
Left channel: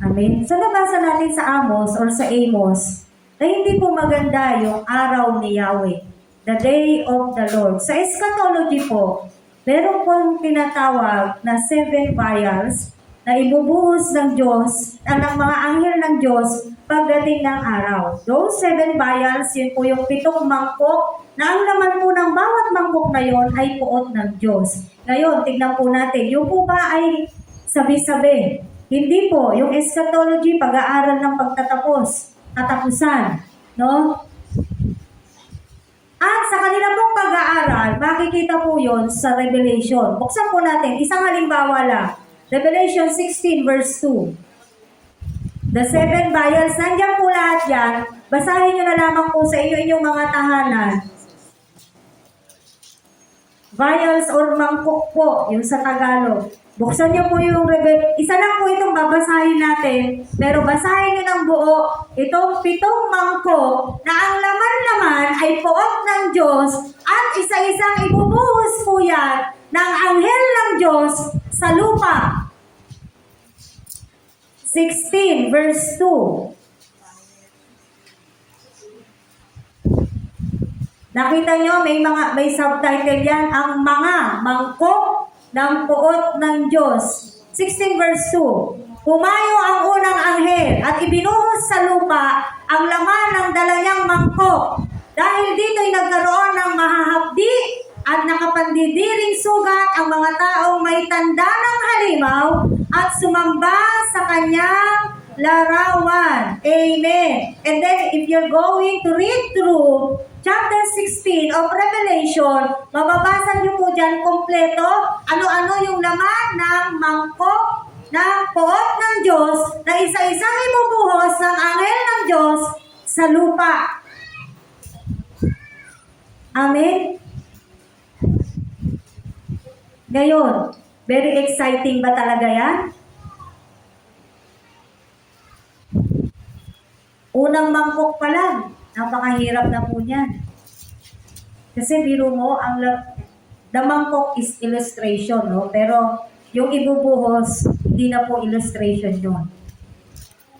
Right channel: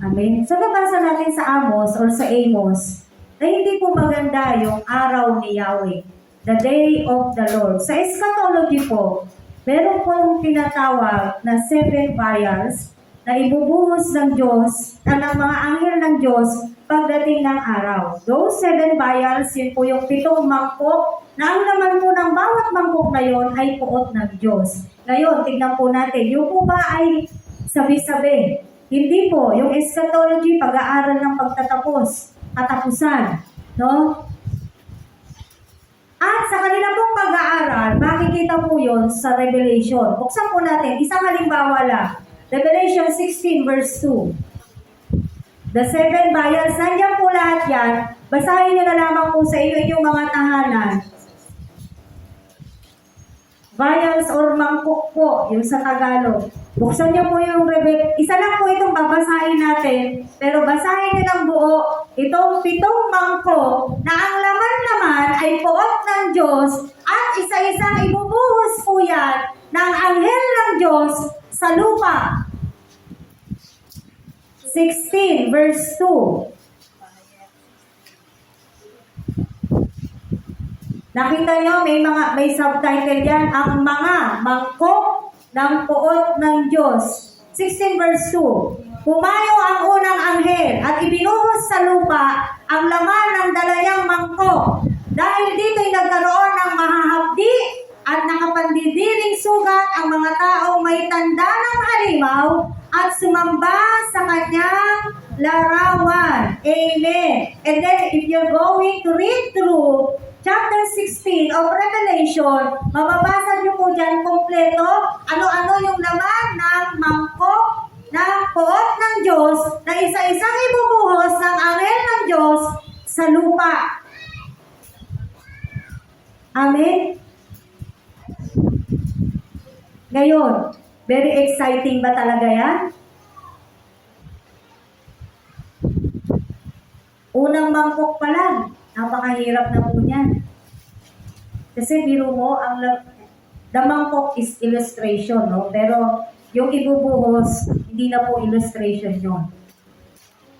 Amen? So, nabasa natin sa Amos or sa Amos na hindi po maganda yung araw ni Yahweh, the day of the Lord. Sa eschatology po, meron pong tinatawag na 7 vials na ibubuhos ng Diyos, ng mga anghel ng Diyos pagdating ng araw. Those 7 vials, yun po yung 7 mangkok na ang laman po ng bawat mangkok na yon ay puot ng Diyos. Ngayon, tignan po natin, yung po ba ay sabi-sabi? Hindi po. Yung eschatology, pag-aaral ng pagtatapos, katapusan. No? At sa kanila pong pag-aaral, makikita po yon sa Revelation. Buksan po natin, isang halimbawa lang. Revelation 16 verse 2. The 7 vials, nandiyan po lahat yan. Basahin nyo na lamang po sa inyong mga tahanan. Vials or mangkok po, yung sa Tagalog. Buksan nyo po yung isa lang po itong babasahin natin, pero basahin nyo ng buo itong 7 mangkok na ang laman-laman ay puot ng Diyos at isa-isang ibubuhos po yan ng anghel ng Diyos sa lupa. 16 verse 2. Nakita nyo, may subtitle yan, ang mga mangkok ng puot ng Diyos. 16 verse 2. Pumayo ang unang anghel at ibinuhos sa lupa ang laman ng dalayang mangkok. Dahil dito'y nagkaroon ng mahahapdi at nakapandidiring sugat ang mga taong may tanda ng halimaw at sumamba sa kanyang larawan. Amen. And then, if you're going to read through chapter 16 of Revelation, mababasa niyo po dyan kompleto ano-ano yung laman ng mangkok ng poot ng Diyos na isa-isang ibubuhos ng anghel ng Diyos sa lupa. Amen? Ngayon, very exciting ba talaga yan? Unang mangkok pa lang, napakahirap na po niyan. Kasi biro mo, the mangkok is illustration, no? Pero yung ibubuhos, hindi na po illustration yun.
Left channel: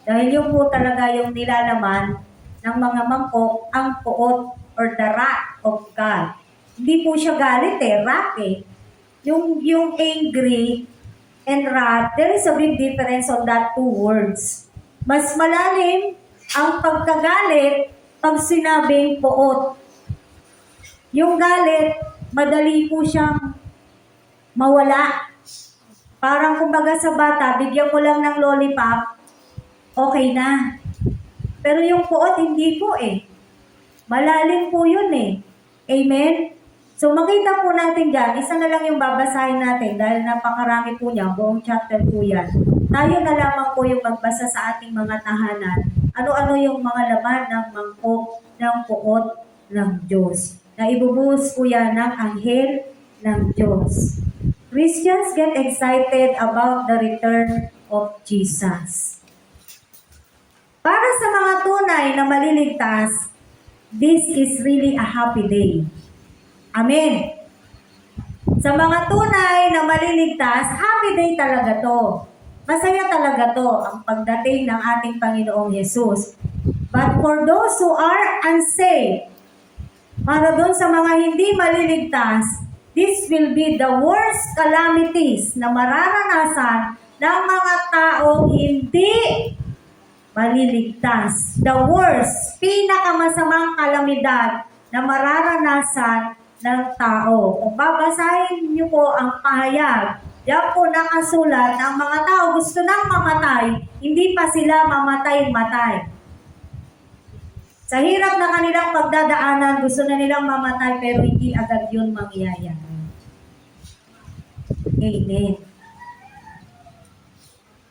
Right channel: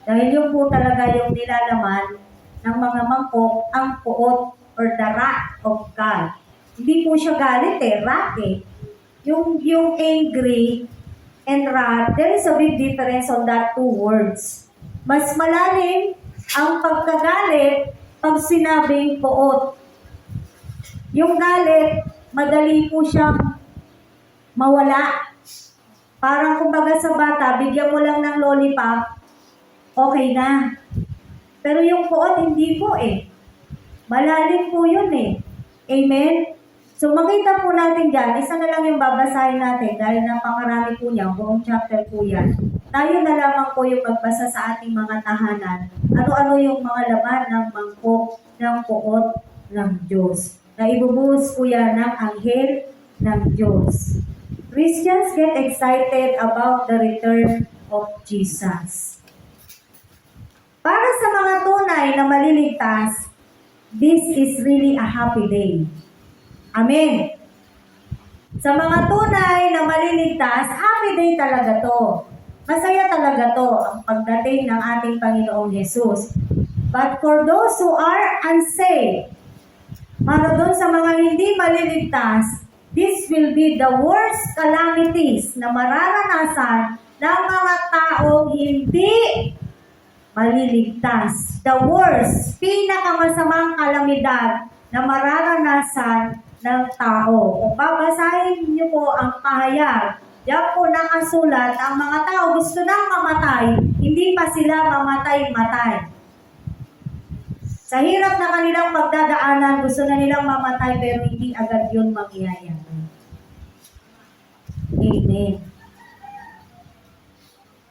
Dahil yun po talaga yung nilalaman ng mga mangkok, ang poot or the wrath of God. Hindi po siya galit wrath eh. Yung angry and wrath, there is a big difference on that two words. Mas malalim ang pagkagalit pag sinabing poot. Yung galit, madali po siyang mawala. Parang kumbaga sa bata, bigyan mo lang ng lollipop, okay na. Pero yung poot, hindi po eh. Malalim po yun eh. Amen? So makita po natin dyan, isa na lang yung babasahin natin dahil napakarami po niya, buong chapter po yan. Tayo na lamang po yung magbasa sa ating mga tahanan. Ano-ano yung mga laman ng mangkok ng poot ng Diyos. Na ibubuhos po yan ng anghel ng Diyos. Christians get excited about the return of Jesus. Para sa mga tunay na maliligtas, this is really a happy day. Amen. Sa mga tunay na maliligtas, happy day talaga to. Masaya talaga to ang pagdating ng ating Panginoong Jesus. But for those who are unsaved, para doon sa mga hindi maliligtas, this will be the worst calamities na mararanasan ng mga taong hindi maliligtas. The worst, pinakamasamang kalamidad na mararanasan ng tao. Kung babasahin niyo po ang pahayag, diyan po nakasulat ang mga tao gusto nang mamatay, hindi pa sila mamatay-matay. Sa hirap na kanilang pagdadaanan, gusto na nilang mamatay pero hindi agad yun mangyayari. Amen.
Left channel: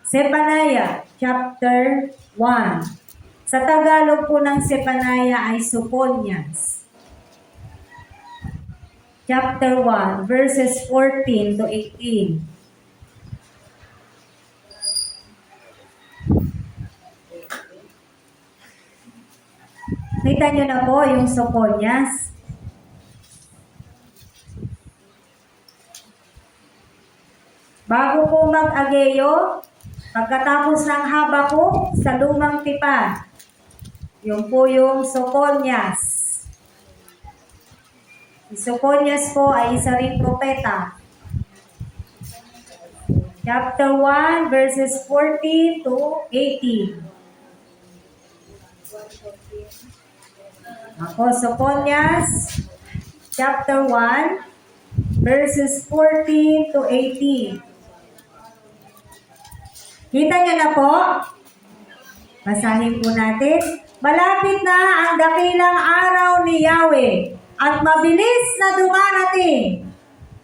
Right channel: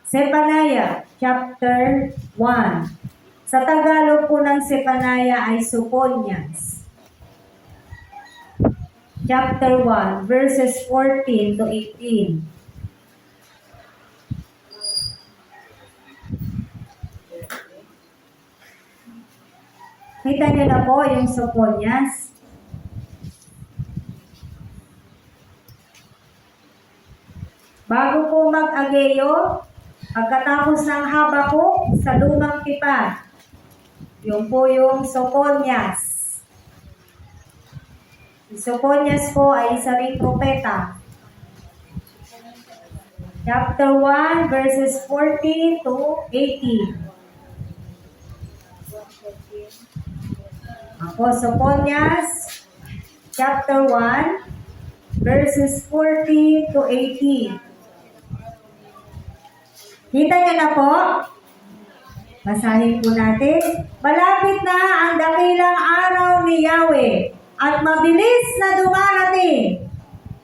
Zephaniah chapter 1. Sa Tagalog po ng Zephaniah ay Sophonias. Chapter 1, verses 14 to 18. Kita niyo na po yung Sophonias. Bago po mag-Ageo, pagkatapos ng Habakuk sa lumang tipa, yun po yung Sophonias. Si Sophonias po ay isa ring propeta. Chapter 1, verses 14 to 18. Ako, Sophonias, chapter 1, verses 14 to 18. Kita niyo na po? Basahin po natin. Malapit na ang dakilang araw ni Yahweh at mabilis na dumarating.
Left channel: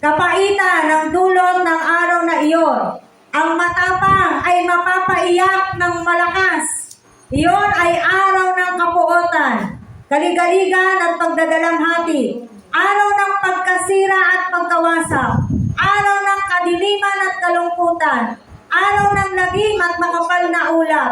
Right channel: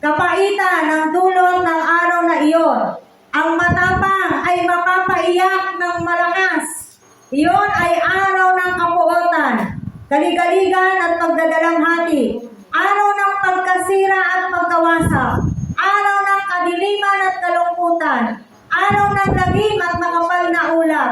Kapaitan ng dulot ng araw na iyon. Ang matapang ay mapapaiyak ng malakas. Iyon ay araw ng kapuotan, kaligaligan at pagdadalamhati. Araw ng pagkasira at pagkawasak. Araw ng kadiliman at kalungkutan. Araw ng lagim at makapal na ulap.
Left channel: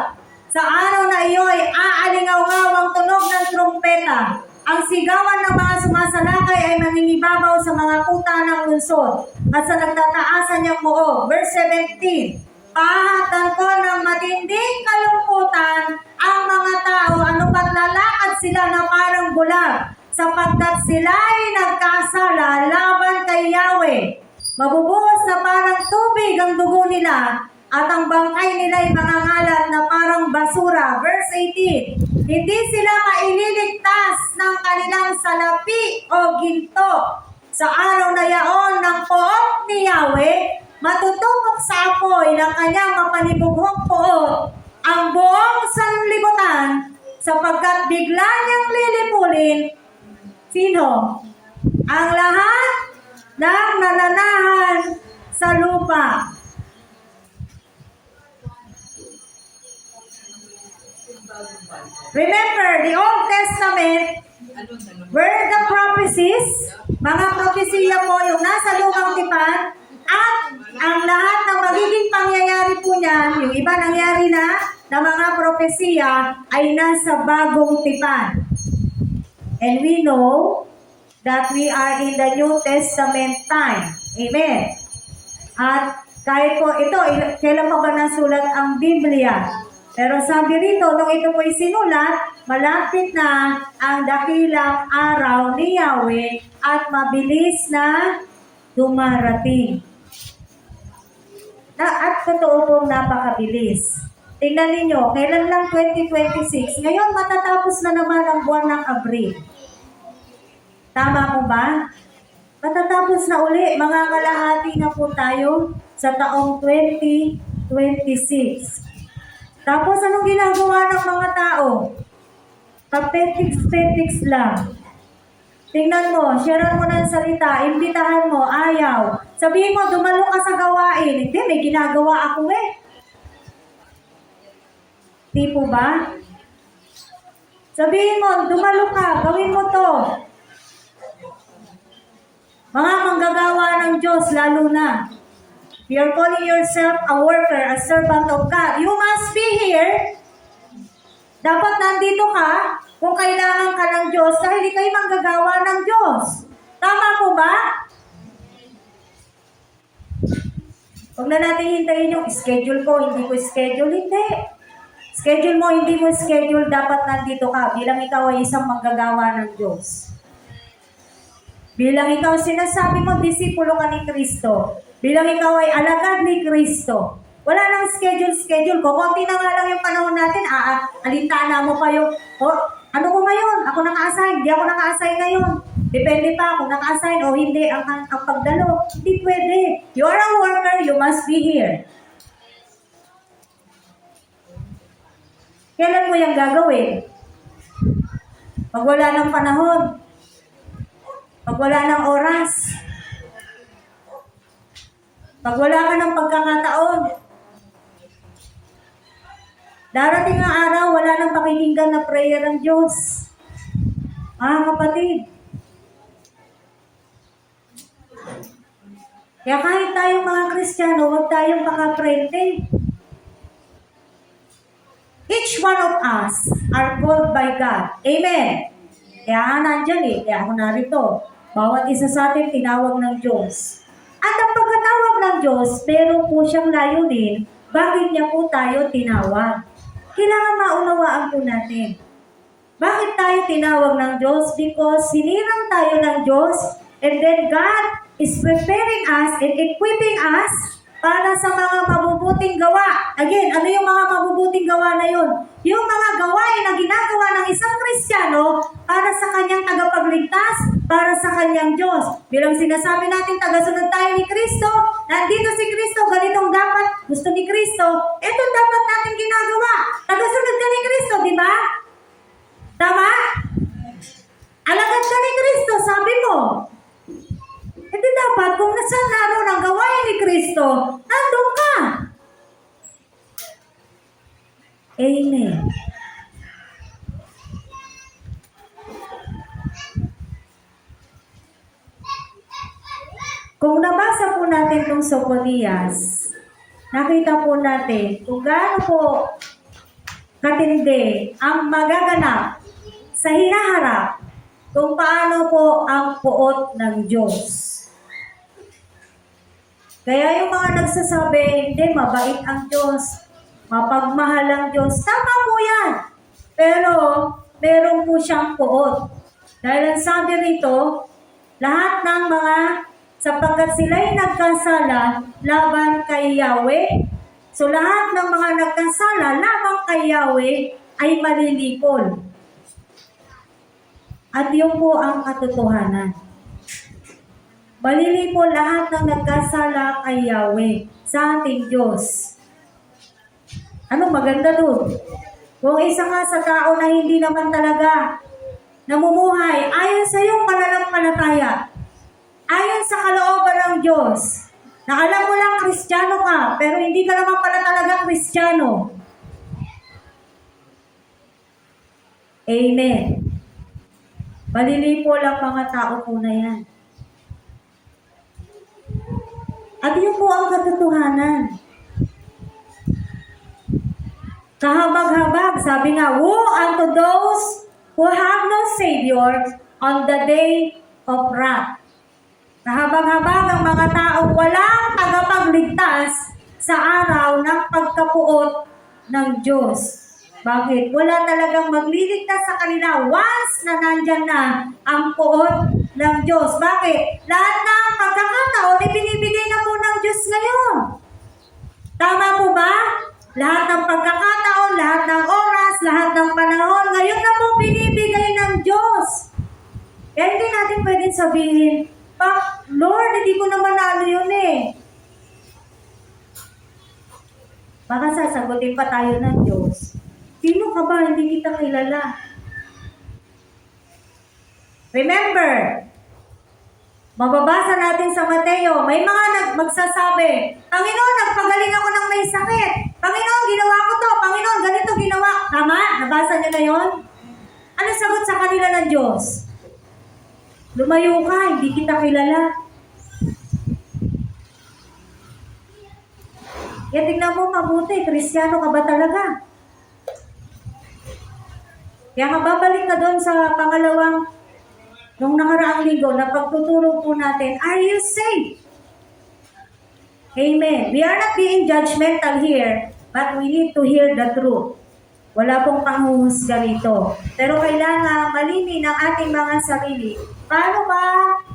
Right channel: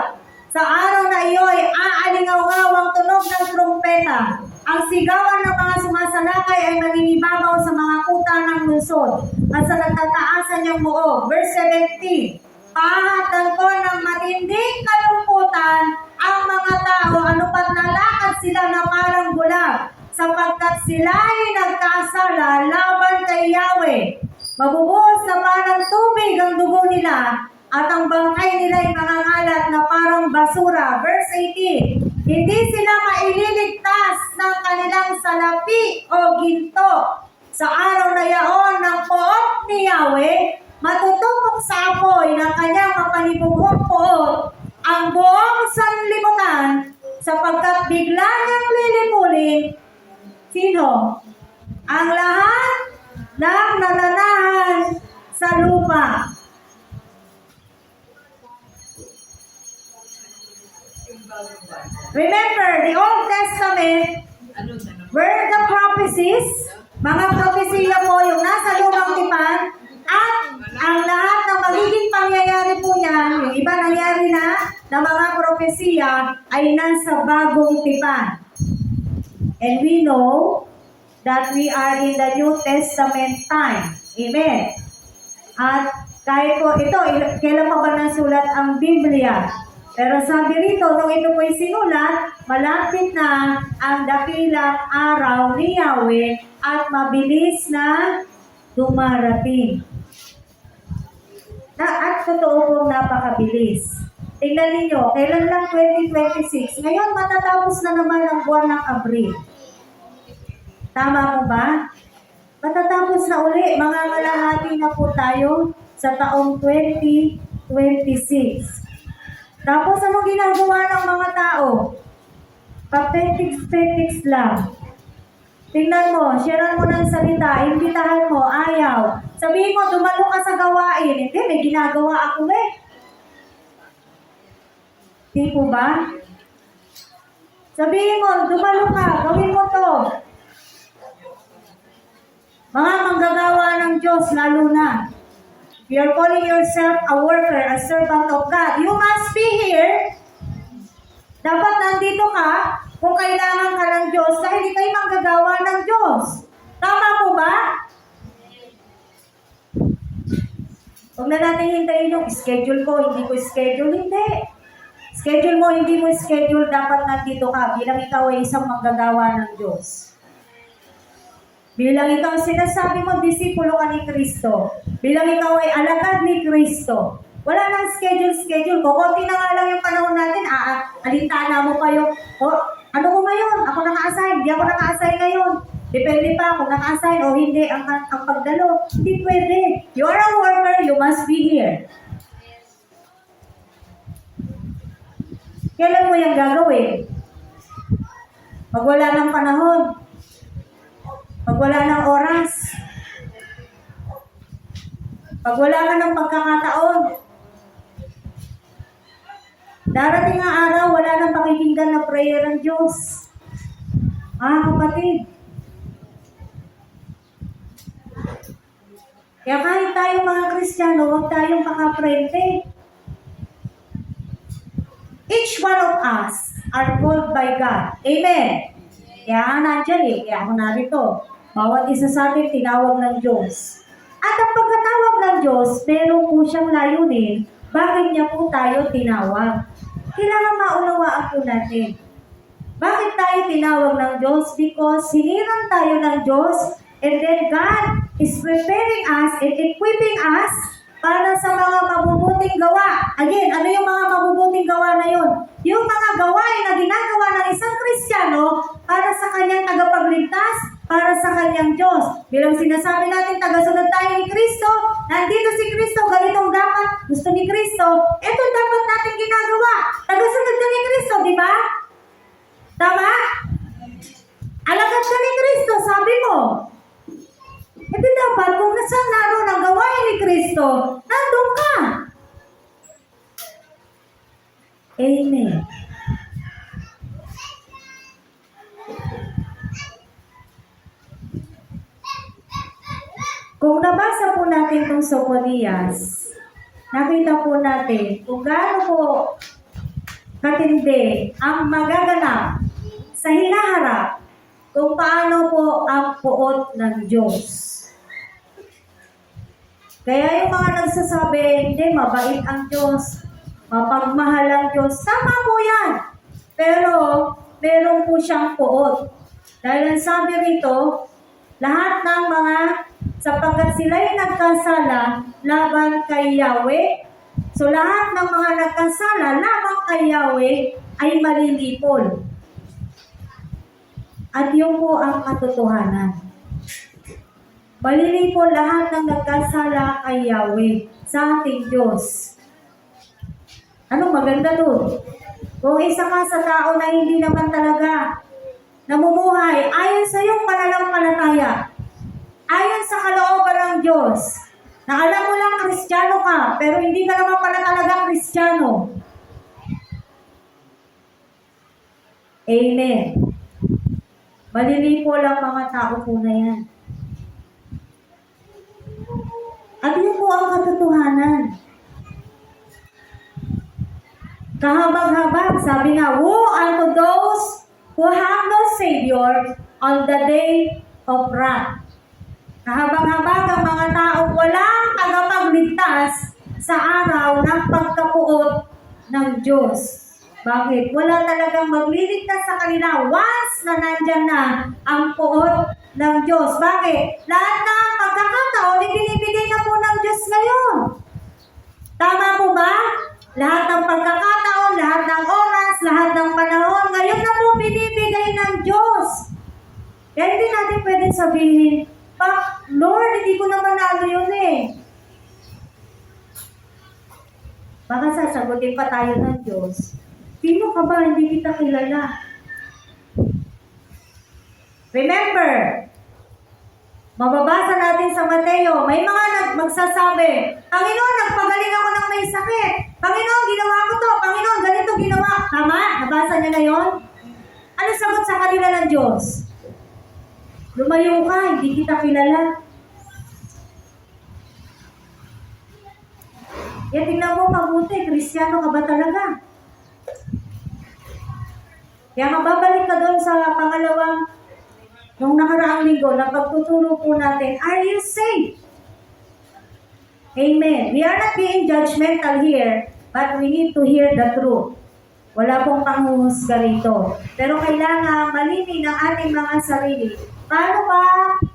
Sa araw na iyo'y aalingaw-ngaw ang tunog ng trumpeta. Ang sigawan ng mga sumasalakay ay mangingibabaw sa mga kuta ng lungsod at sa nagtataasan niyang muog. Verse 17. Pahatan ko ng matinding kalungkutan ang mga tao, ano pat nalakad sila na parang bulag, sapagkat sila ay nagkasala laban kay Yahweh. Mabubuhos na parang tubig ang dugo nila, at ang bangkay nila ay mangangalat na parang basura. Verse 18. Hindi sila maililigtas ng kanilang salapi o ginto sa araw na yaon ng poot ni Yahweh, matutupok sa apoy ng kanyang mapanibughong poot ang buong sanlibutan, sapagkat bigla niyang lilipulin, sino? Ang lahat ng nananahan sa lupa. Remember, the Old Testament were the prophecies, mga propesiya po yung nasa lumang tipan, at ang lahat ng magiging pangyayari po niya, yung iba nangyari na mga propesiya ay nasa bagong tipan. And we know that we are in the New Testament time. Amen. At kahit po ito, kailan pa ba nasulat ang Biblia? Pero sabi rito, nung ito po'y sinulat, malapit na ang dakilang araw ni Yahweh at mabilis na dumarating. At totoo pong napakabilis. Tingnan ninyo, kailan lang 2026? Ngayon matatapos na naman ang buwan ng Abril. Tama po ba? Matatapos na uli, mga kalahati na po tayo sa taong 2026. Tapos anong ginagawa ng mga tao? Papetiks-petiks lang. Tingnan mo, share mo ng salita, imbitahan mo, ayaw. Sabihin mo, dumalo ka sa gawain. Hindi, may ginagawa ako eh. Di po ba? Sabihin mo, dumalo ka, gawin mo to. Mga manggagawa ng Diyos, lalo na. You're calling yourself a worker, a servant of God. You must be here. Dapat nandito ka kung kailangan ka ng Diyos dahil hindi kayo manggagawa ng Diyos. Tama po ba? Huwag na natin hintayin yung schedule ko, hindi ko schedule, hindi. Schedule mo, hindi mo schedule, dapat nandito ka bilang ikaw ay isang manggagawa ng Diyos. Bilang ikaw sinasabi mo, disipulo ka ni Kristo. Bilang ikaw ay alagad ni Kristo. Wala nang schedule. Kukunti na nga lang yung panahon natin. Alintana mo pa yung, ano ko ngayon? Ako naka-assign. Hindi ako naka-assign ngayon. Depende pa kung naka-assign o hindi ang pagdalo. Hindi pwede. You are a worker, you must be here. Kailan mo yung gagawin? Pag wala ng panahon. Pag wala ng oras. Pag wala ka ng pagkakataon. Darating ang araw, wala nang pakikinggan na prayer ng Diyos. Kapatid. Kaya kahit tayong mga Kristiyano, huwag tayong makaprente. Each one of us are called by God. Amen. Kaya nandiyan kaya ako narito. Bawat isa sa atin tinawag ng Diyos. At ang pagkatawag ng Diyos, meron po siyang layunin, bakit niya po tayo tinawag. Kailangan maunawaan po natin. Bakit tayo tinawag ng Diyos? Because hiniran tayo ng Diyos, and then God is preparing us and equipping us para sa mga mabubuting gawa. Again, ano yung mga mabubuting gawa na yun? Yung mga gawain na ginagawa ng isang Kristiyano para sa kanyang tagapagligtas, para sa kanyang Diyos. Bilang sinasabi natin, tagasunod tayo ni Kristo, nandito si Kristo, ganitong dapat gusto ni Kristo, ito dapat natin ginagawa. Tagasunod ka ni Kristo, di ba? Tama? Alagad ka ni Kristo, sabi mo. Ito dapat, kung nasaan naroon ang gawain ni Kristo, nandun ka. Amen. Kung nabasa po natin itong Soponias, nakita po natin kung gaano po katindi ang magaganap sa hinaharap kung paano po ang puot ng Diyos. Kaya yung mga nagsasabi, hindi, mabait ang Diyos, mapagmahal ang Diyos, tama po yan. Pero, meron po siyang puot. Dahil ang sabi rito, lahat ng mga, sapagkat sila'y nagkasala laban kay Yahweh, so lahat ng mga nagkasala laban kay Yahweh ay malilipol. At yun po ang katotohanan. Malili po lahat ng nagkasala kay Yahweh, sa ating Diyos. Ano maganda doon? Kung isa ka sa tao na hindi naman talaga namumuhay ayon sa iyong pananampalataya, ayon sa kalooban ng Diyos, na alam mo lang Kristiyano ka, pero hindi ka naman pala talaga Kristiyano. Amen. Malilipo lang mga tao po na yan. At yun po ang katotohanan. Kahabag-habag, sabi nga, woe unto those who have no Savior on the day of wrath. Kahabag-habag ang mga taong walang tagapagligtas sa araw ng pagkapuot ng Diyos. Bakit? Wala talagang magliligtas sa kanila once na nandyan na ang puot ng Diyos. Bakit? Lahat ng pagkakataon, ibinibigay na po ng Diyos ngayon. Tama po ba? Lahat ng pagkakataon, lahat ng oras, lahat ng panahon, ngayon na po binibigay ng Diyos. Kaya hindi natin pwedeng sabihin, Lord, hindi ko naman ano yun eh. Baka sasagutin pa tayo ng Diyos. Sino ka ba? Hindi kita kilala. Remember, mababasa natin sa Mateo, may mga magsasabi, Panginoon, nagpagaling ako ng may sakit. Panginoon, ginawa ko to. Panginoon, ganito ginawa. Tama? Nabasa niyo na yon? Ano sagot sa kanila ng Diyos? Lumayo ka, hindi kita kilala. Yan, tingnan mo mabuti, Kristiyano ka ba talaga? Kaya mababalik ka doon sa pangalawang nung nakaraang linggo na pagtutulong po natin, are you saved? Amen. We are not being judgmental here, but we need to hear the truth. Wala pong panghuhusga rito. Pero kailangan malinin ang ating mga sarili. Paano ba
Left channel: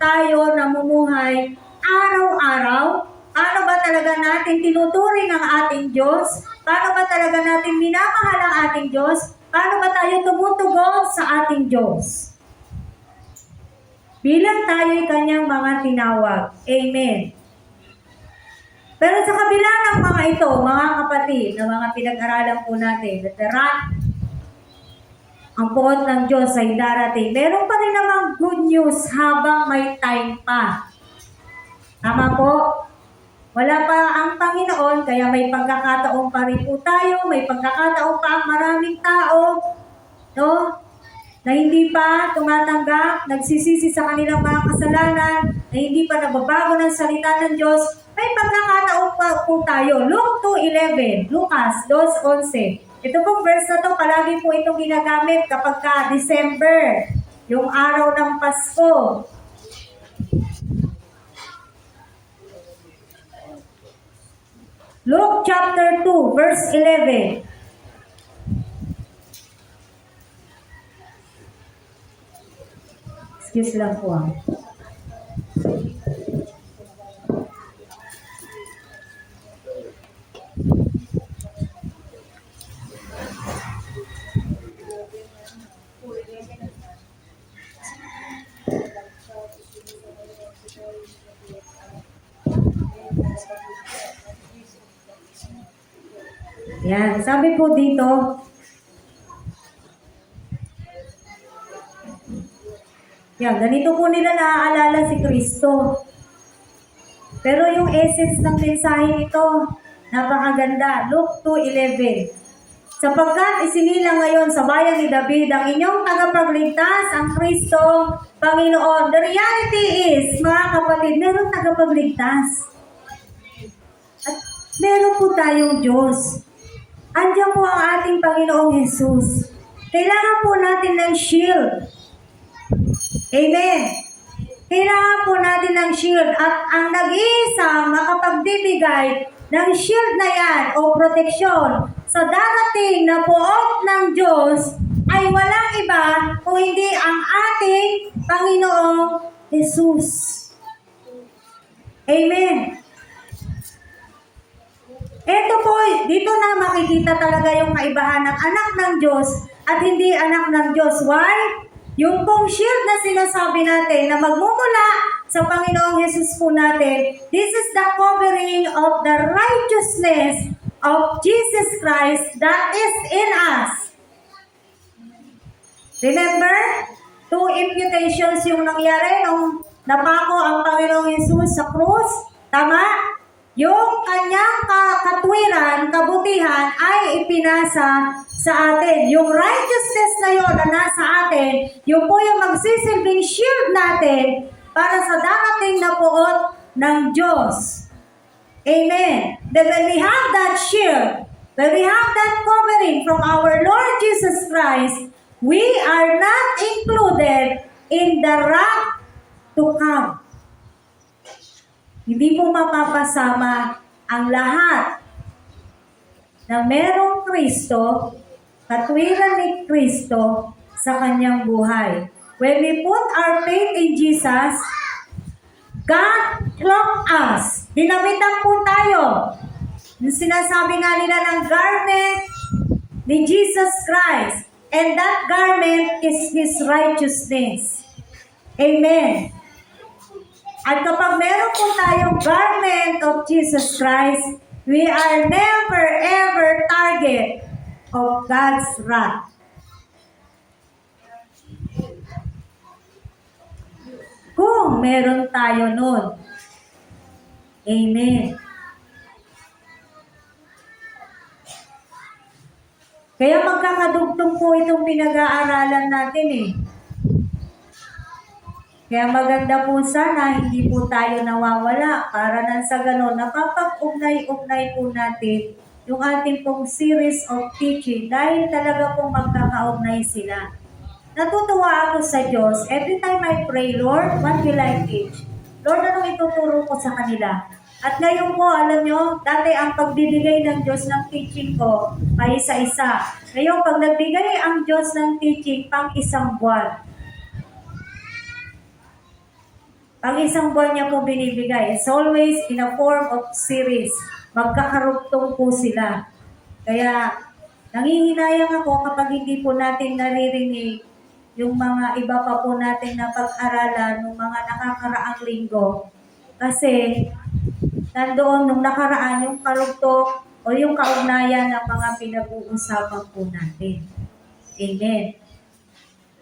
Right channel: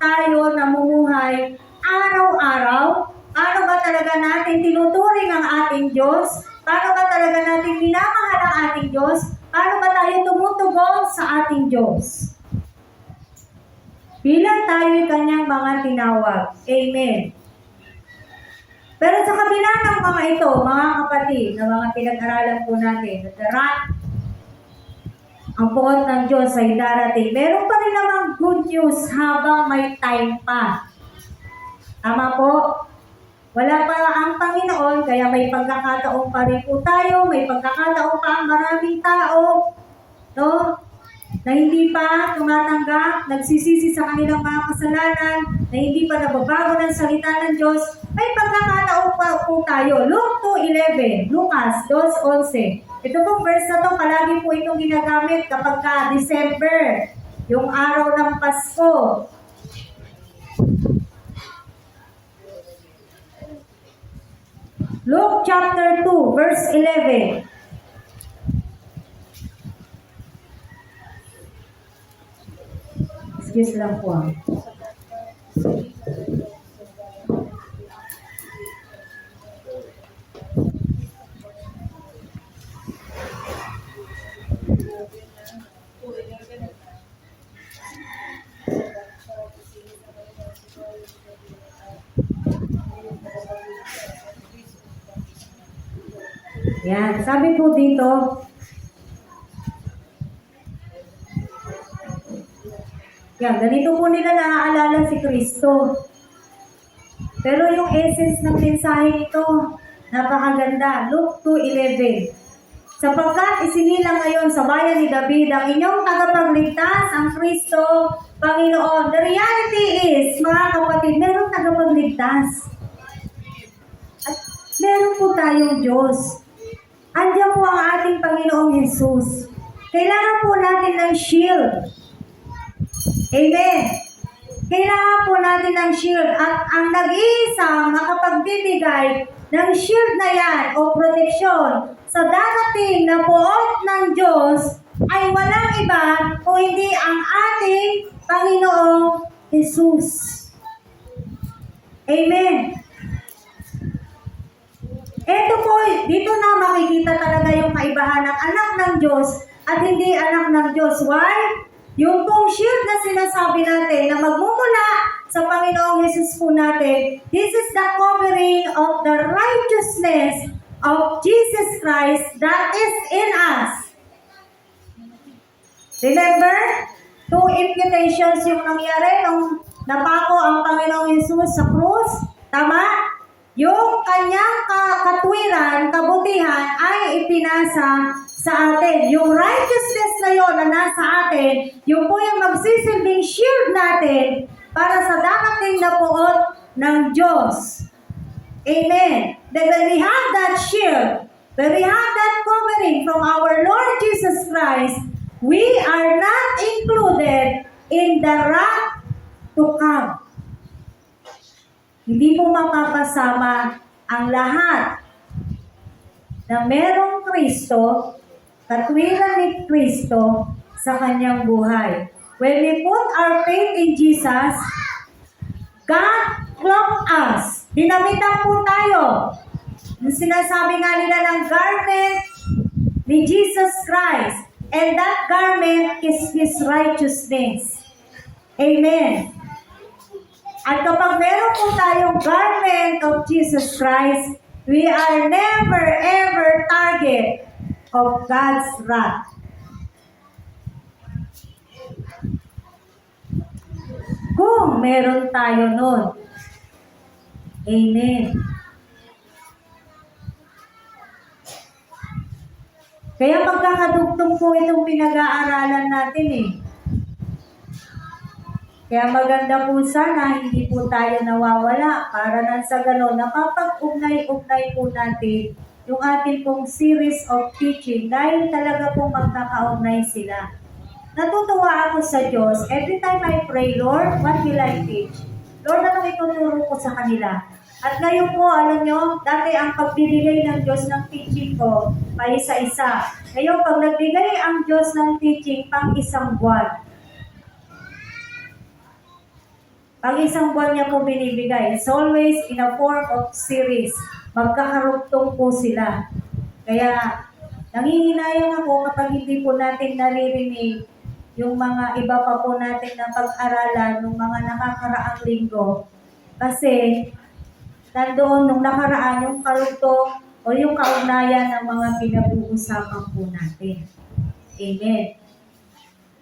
tayo namumuhay araw-araw? Paano ba talaga natin tinuturing ang ating Diyos? Paano ba talaga natin minamahal ang ating Diyos? Paano ba tayo tumutugon sa ating Diyos? Bilang tayo'y kanyang mga tinawag. Amen. Pero sa kabila ng mga ito, mga kapatid, na mga pinag-aralan po natin, ang puot ng Diyos ay darating. Meron pa rin namang good news habang may time pa. Tama po? Wala pa ang Panginoon, kaya may pagkakataon pa rin po tayo, may pagkakataon pa ang maraming tao, no? Na hindi pa tumatanggap, nagsisisi sa kanilang mga kasalanan, na hindi pa nababago ng salita ng Diyos, may pagkakataon pa po tayo. Luke 2:11, Lucas 2:11. Ito pong verse na to, palagi po itong ginagamit kapag ka December, yung araw ng Pasko. Luke chapter 2, verse 11. Excuse lang po. Yan, sabi po dito, yan, ganito po nila naaalala si Kristo. Pero yung essence ng mensahe nito, napakaganda. Luke 2:11. Sapagkat isinilang ngayon sa bayan ni David ang inyong tagapagligtas, ang Kristo, Panginoon. The reality is, mga kapatid, meron tagapagligtas. At meron po tayong Diyos. Andiyan po ang ating Panginoong Jesus. Kailangan po natin ng shield. Amen. Kailangan po natin ng shield. At ang nag-iisang makapagbibigay ng shield na yan o proteksyon sa darating na puot ng Diyos ay walang iba kung hindi ang ating Panginoong Jesus. Amen. Ito po, dito na makikita talaga yung kaibahan ng anak ng Diyos at hindi anak ng Diyos. Why? Yung pong shield na sinasabi natin na magmumula sa Panginoong Jesus po natin, this is the covering of the righteousness of Jesus Christ that is in us. Remember? Two imputations yung nangyari nung napako ang Panginoong Jesus sa krus. Tama? Yung kanyang katwiran, kabutihan ay ipinasa sa atin. Yung righteousness na yun na nasa atin, yung po yung magsisilbing shield natin para sa darating na puot ng Diyos. Amen. Then when we have that shield, when we have that covering from our Lord Jesus Christ, we are not included in the wrath to come. Hindi po mapapasama ang lahat na merong Kristo, katwiran ni Kristo sa kanyang buhay. When we put our faith in Jesus, God clothed us. Dinamitan po tayo. Yung sinasabi nga nila ng garment ni Jesus Christ. And that garment is His righteousness. Amen. At kapag meron po tayong garment of Jesus Christ, we are never ever target of God's wrath. Kung meron tayo nun. Amen. Kaya magkakadugtong po itong pinag-aaralan natin eh. Kaya maganda po sana, hindi po tayo nawawala para nang sa ganon, napapag-ugnay-ugnay po natin yung ating pong series of teaching dahil talaga pong magkakaugnay sila. Natutuwa ako sa Diyos. Every time I pray, Lord, what will I teach? Lord, anong ituturo ko sa kanila? At ngayon po, alam nyo, dati ang pagbibigay ng Diyos ng teaching ko ay isa-isa. Ngayon, pag nagbigay ang Diyos ng teaching pang isang buwan, ang isang buwan niya po binibigay. It's always in a form of series. Magkakarugtong po sila. Kaya, nangihinayang ako kapag hindi po natin naririnig yung mga iba pa po natin na pag-aralan ng mga nakakaraang linggo. Kasi, nandoon nung nakaraan yung karugtong o yung kaugnayan ng mga pinag-uusapan po natin. Amen.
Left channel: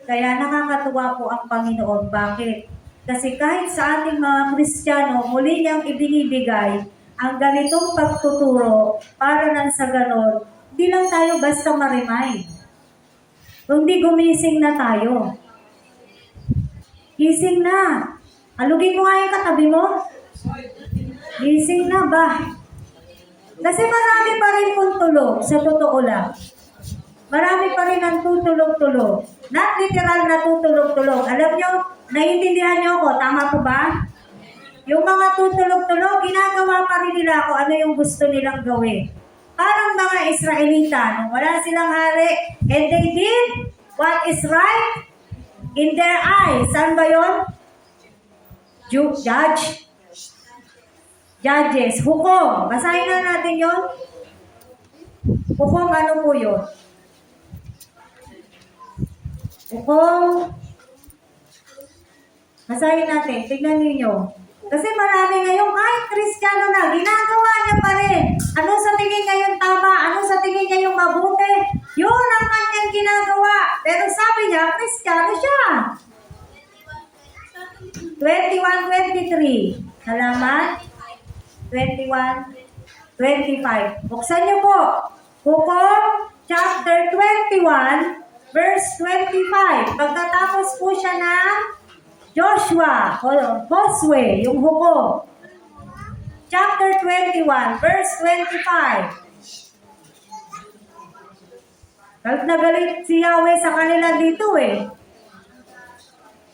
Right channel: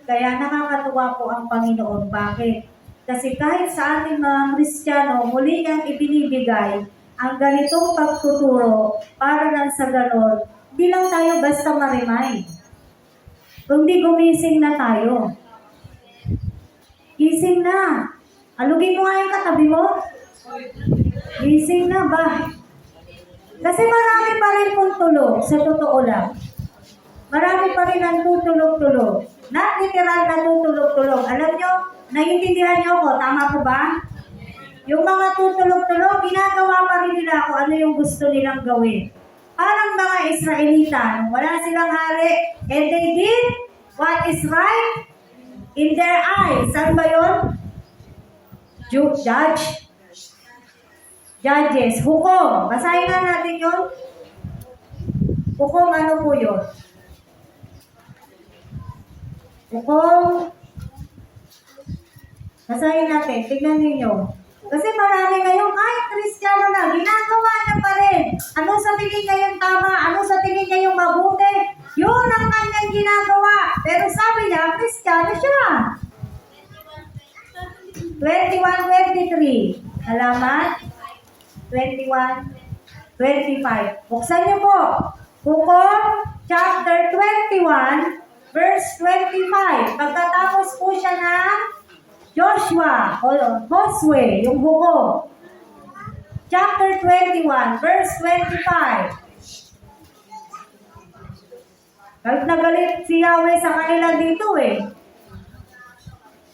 Kaya nakakatuwa po ang Panginoon. Bakit? Kasi kahit sa ating mga Kristiyano, muli niyang ibinibigay ang ganitong pagtuturo para nang sa ganon, hindi lang tayo basta ma-remind. Kundi gumising na tayo. Gising na. Alugin ko nga yung katabi mo. Gising na ba? Kasi marami pa rin pong tulog, sa totoo lang. Marami pa rin ang tutulog-tulog. Not literal na tutulog-tulog. Alam nyo, naiintindihan niyo ako, tama po ba? Yung mga tutulog-tulog, ginagawa pa rin nila kung ano yung gusto nilang gawin. Parang mga Israelita, nung wala silang hari, and they did what is right in their eyes. Saan ba yun? Judges. Hukom. Basahin nga natin yun. Hukom, ano po yun? Hukom. Basahin natin. Tignan ninyo. Kasi marami ngayon, kahit Kristiyano na, ginagawa niya pa rin. Ano sa tingin niya yung tama? Ano sa tingin niya yung mabuti? Yun ang kanyang ginagawa. Pero sabi niya, Kristiyano siya. 21-23. Halaman? 21-25. Buksan niyo po. Hukom, chapter 21, verse 25. Pagkatapos po siya ng Joshua, o Josue, yung hukom. Chapter 21, verse 25. Galit na galit si Yahweh sa kanila dito eh.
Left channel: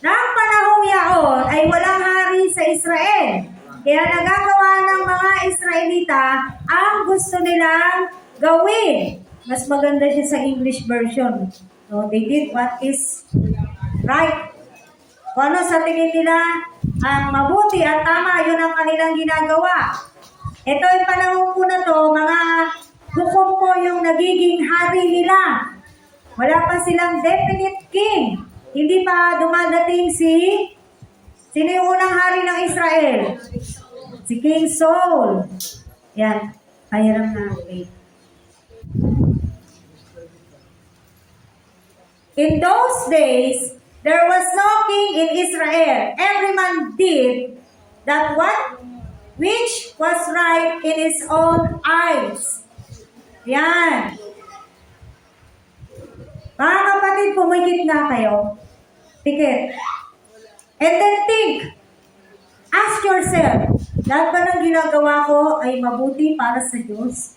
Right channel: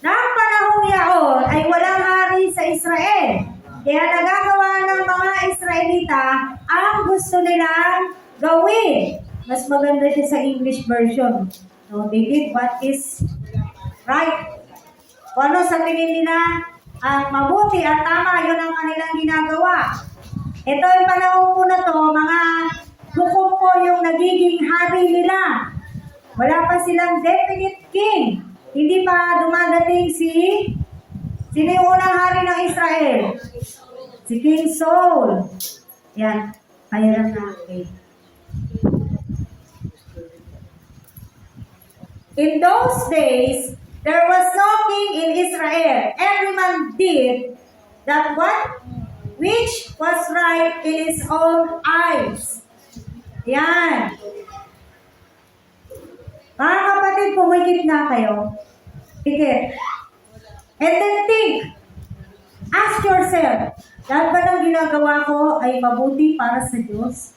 Nang panahong yaon ay walang hari sa Israel. Kaya nagagawa ng mga Israelita ang gusto nilang gawin. Mas maganda siya sa English version. So, they did what is right. Kung ano sa tingin nila ang mabuti at tama, yun ang kanilang ginagawa. Ito yung panahon po na to, mga hukom po yung nagiging hari nila. Wala pa silang definite king. Hindi pa dumadating si Sino yung unang hari ng Israel? Si King Saul. Yan. Kaya lang na. Wait. In those days, there was no king in Israel. Every man did that what? Which was right in his own eyes. Yan. Mga kapatid, pumikit na kayo. Pikit. And then think. Ask yourself, lahat ba ng ginagawa ko ay mabuti para sa Diyos?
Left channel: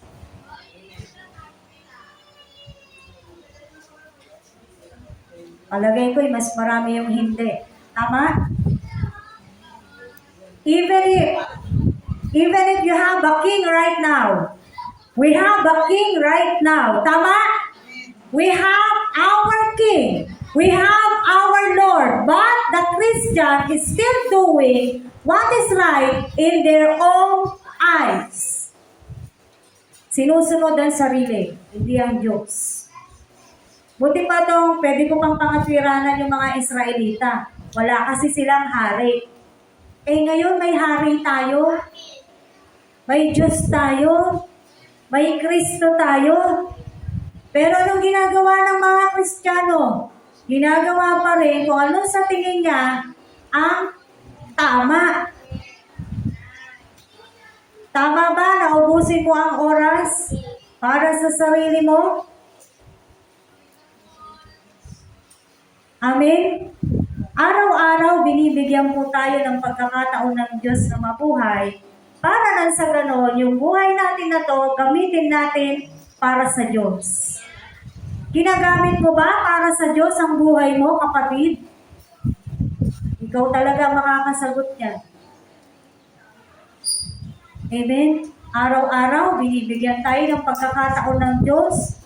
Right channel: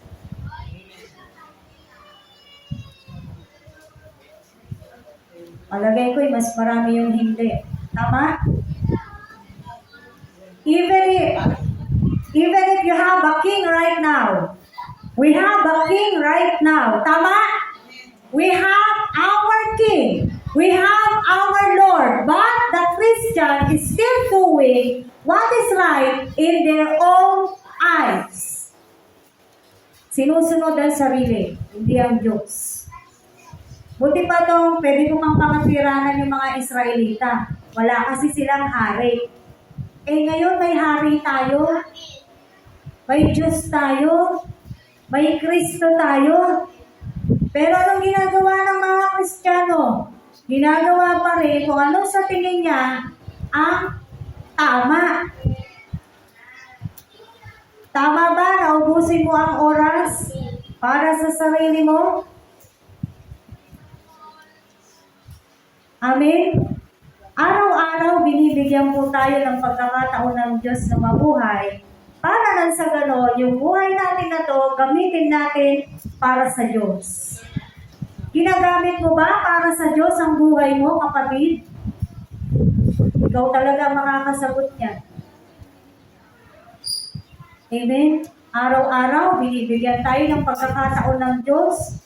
Palagay ko'y mas marami yung hindi. Tama? Even if you have a king right now, we have a king right now. Tama? We have our king. We have our Lord. But the Christian is still doing what is right in their own eyes. Sinusunod ang sarili, hindi ang Diyos. Buti pa itong pwede ko pang pangatwiranan yung mga Israelita. Wala kasi silang hari. Eh ngayon may hari tayo. May Diyos tayo. May Kristo tayo. Pero anong ginagawa ng mga Kristiyano? Ginagawa pa rin kung ano sa tingin niya ang tama. Tama ba na ubusin mo ang oras para sa sarili mo? Amen? Araw-araw binibigyan po tayo ng pagkakataon ng Diyos na mabuhay para nang sa ganon, yung buhay natin na to, gamitin natin para sa Diyos. Ginagamit mo ba para sa Diyos ang buhay mo, kapatid? Ikaw talaga makakasagot niya. Amen? Araw-araw, binibigyan tayo ng pagkakataon ng Diyos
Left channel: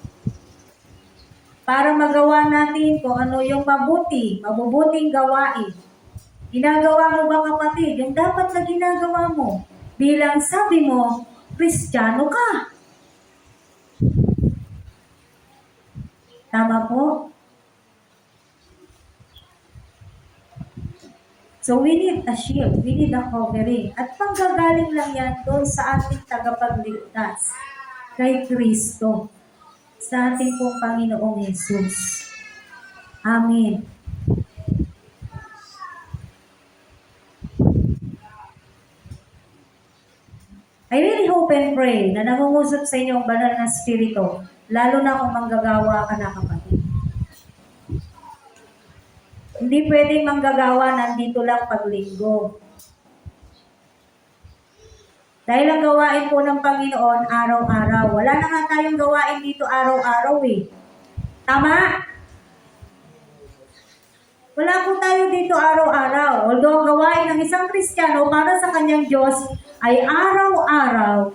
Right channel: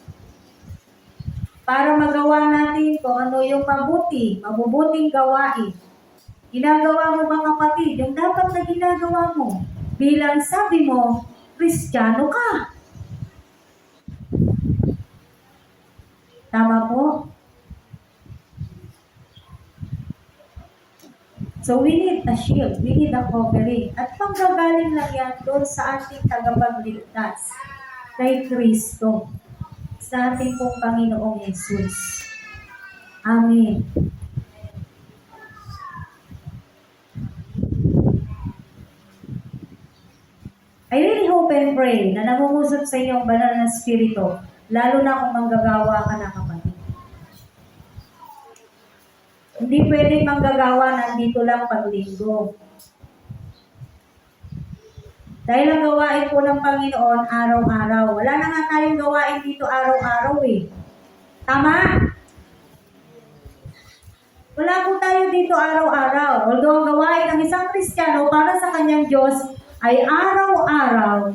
para magawa natin kung ano yung mabubuting gawain. Ginagawa mo ba, kapatid? Yung dapat na ginagawa mo bilang sabi mo, Kristiyano ka. Tama po? So we need a shield, we need a covering. At panggagaling lang yan doon sa ating tagapagligtas, kay Kristo, sa ating pong Panginoong Jesus. Amen. I really hope and pray na nangungusap sa inyo ang banal na spirito, lalo na kung manggagawa ka na, kapatid. Hindi pwedeng manggagawa nandito lang paglinggo. Dahil ang gawain po ng Panginoon araw-araw. Wala na nga tayong gawain dito araw-araw eh. Tama? Wala po tayo dito araw-araw. Although ang gawain ng isang Kristiyano para sa kanyang Diyos ay araw-araw.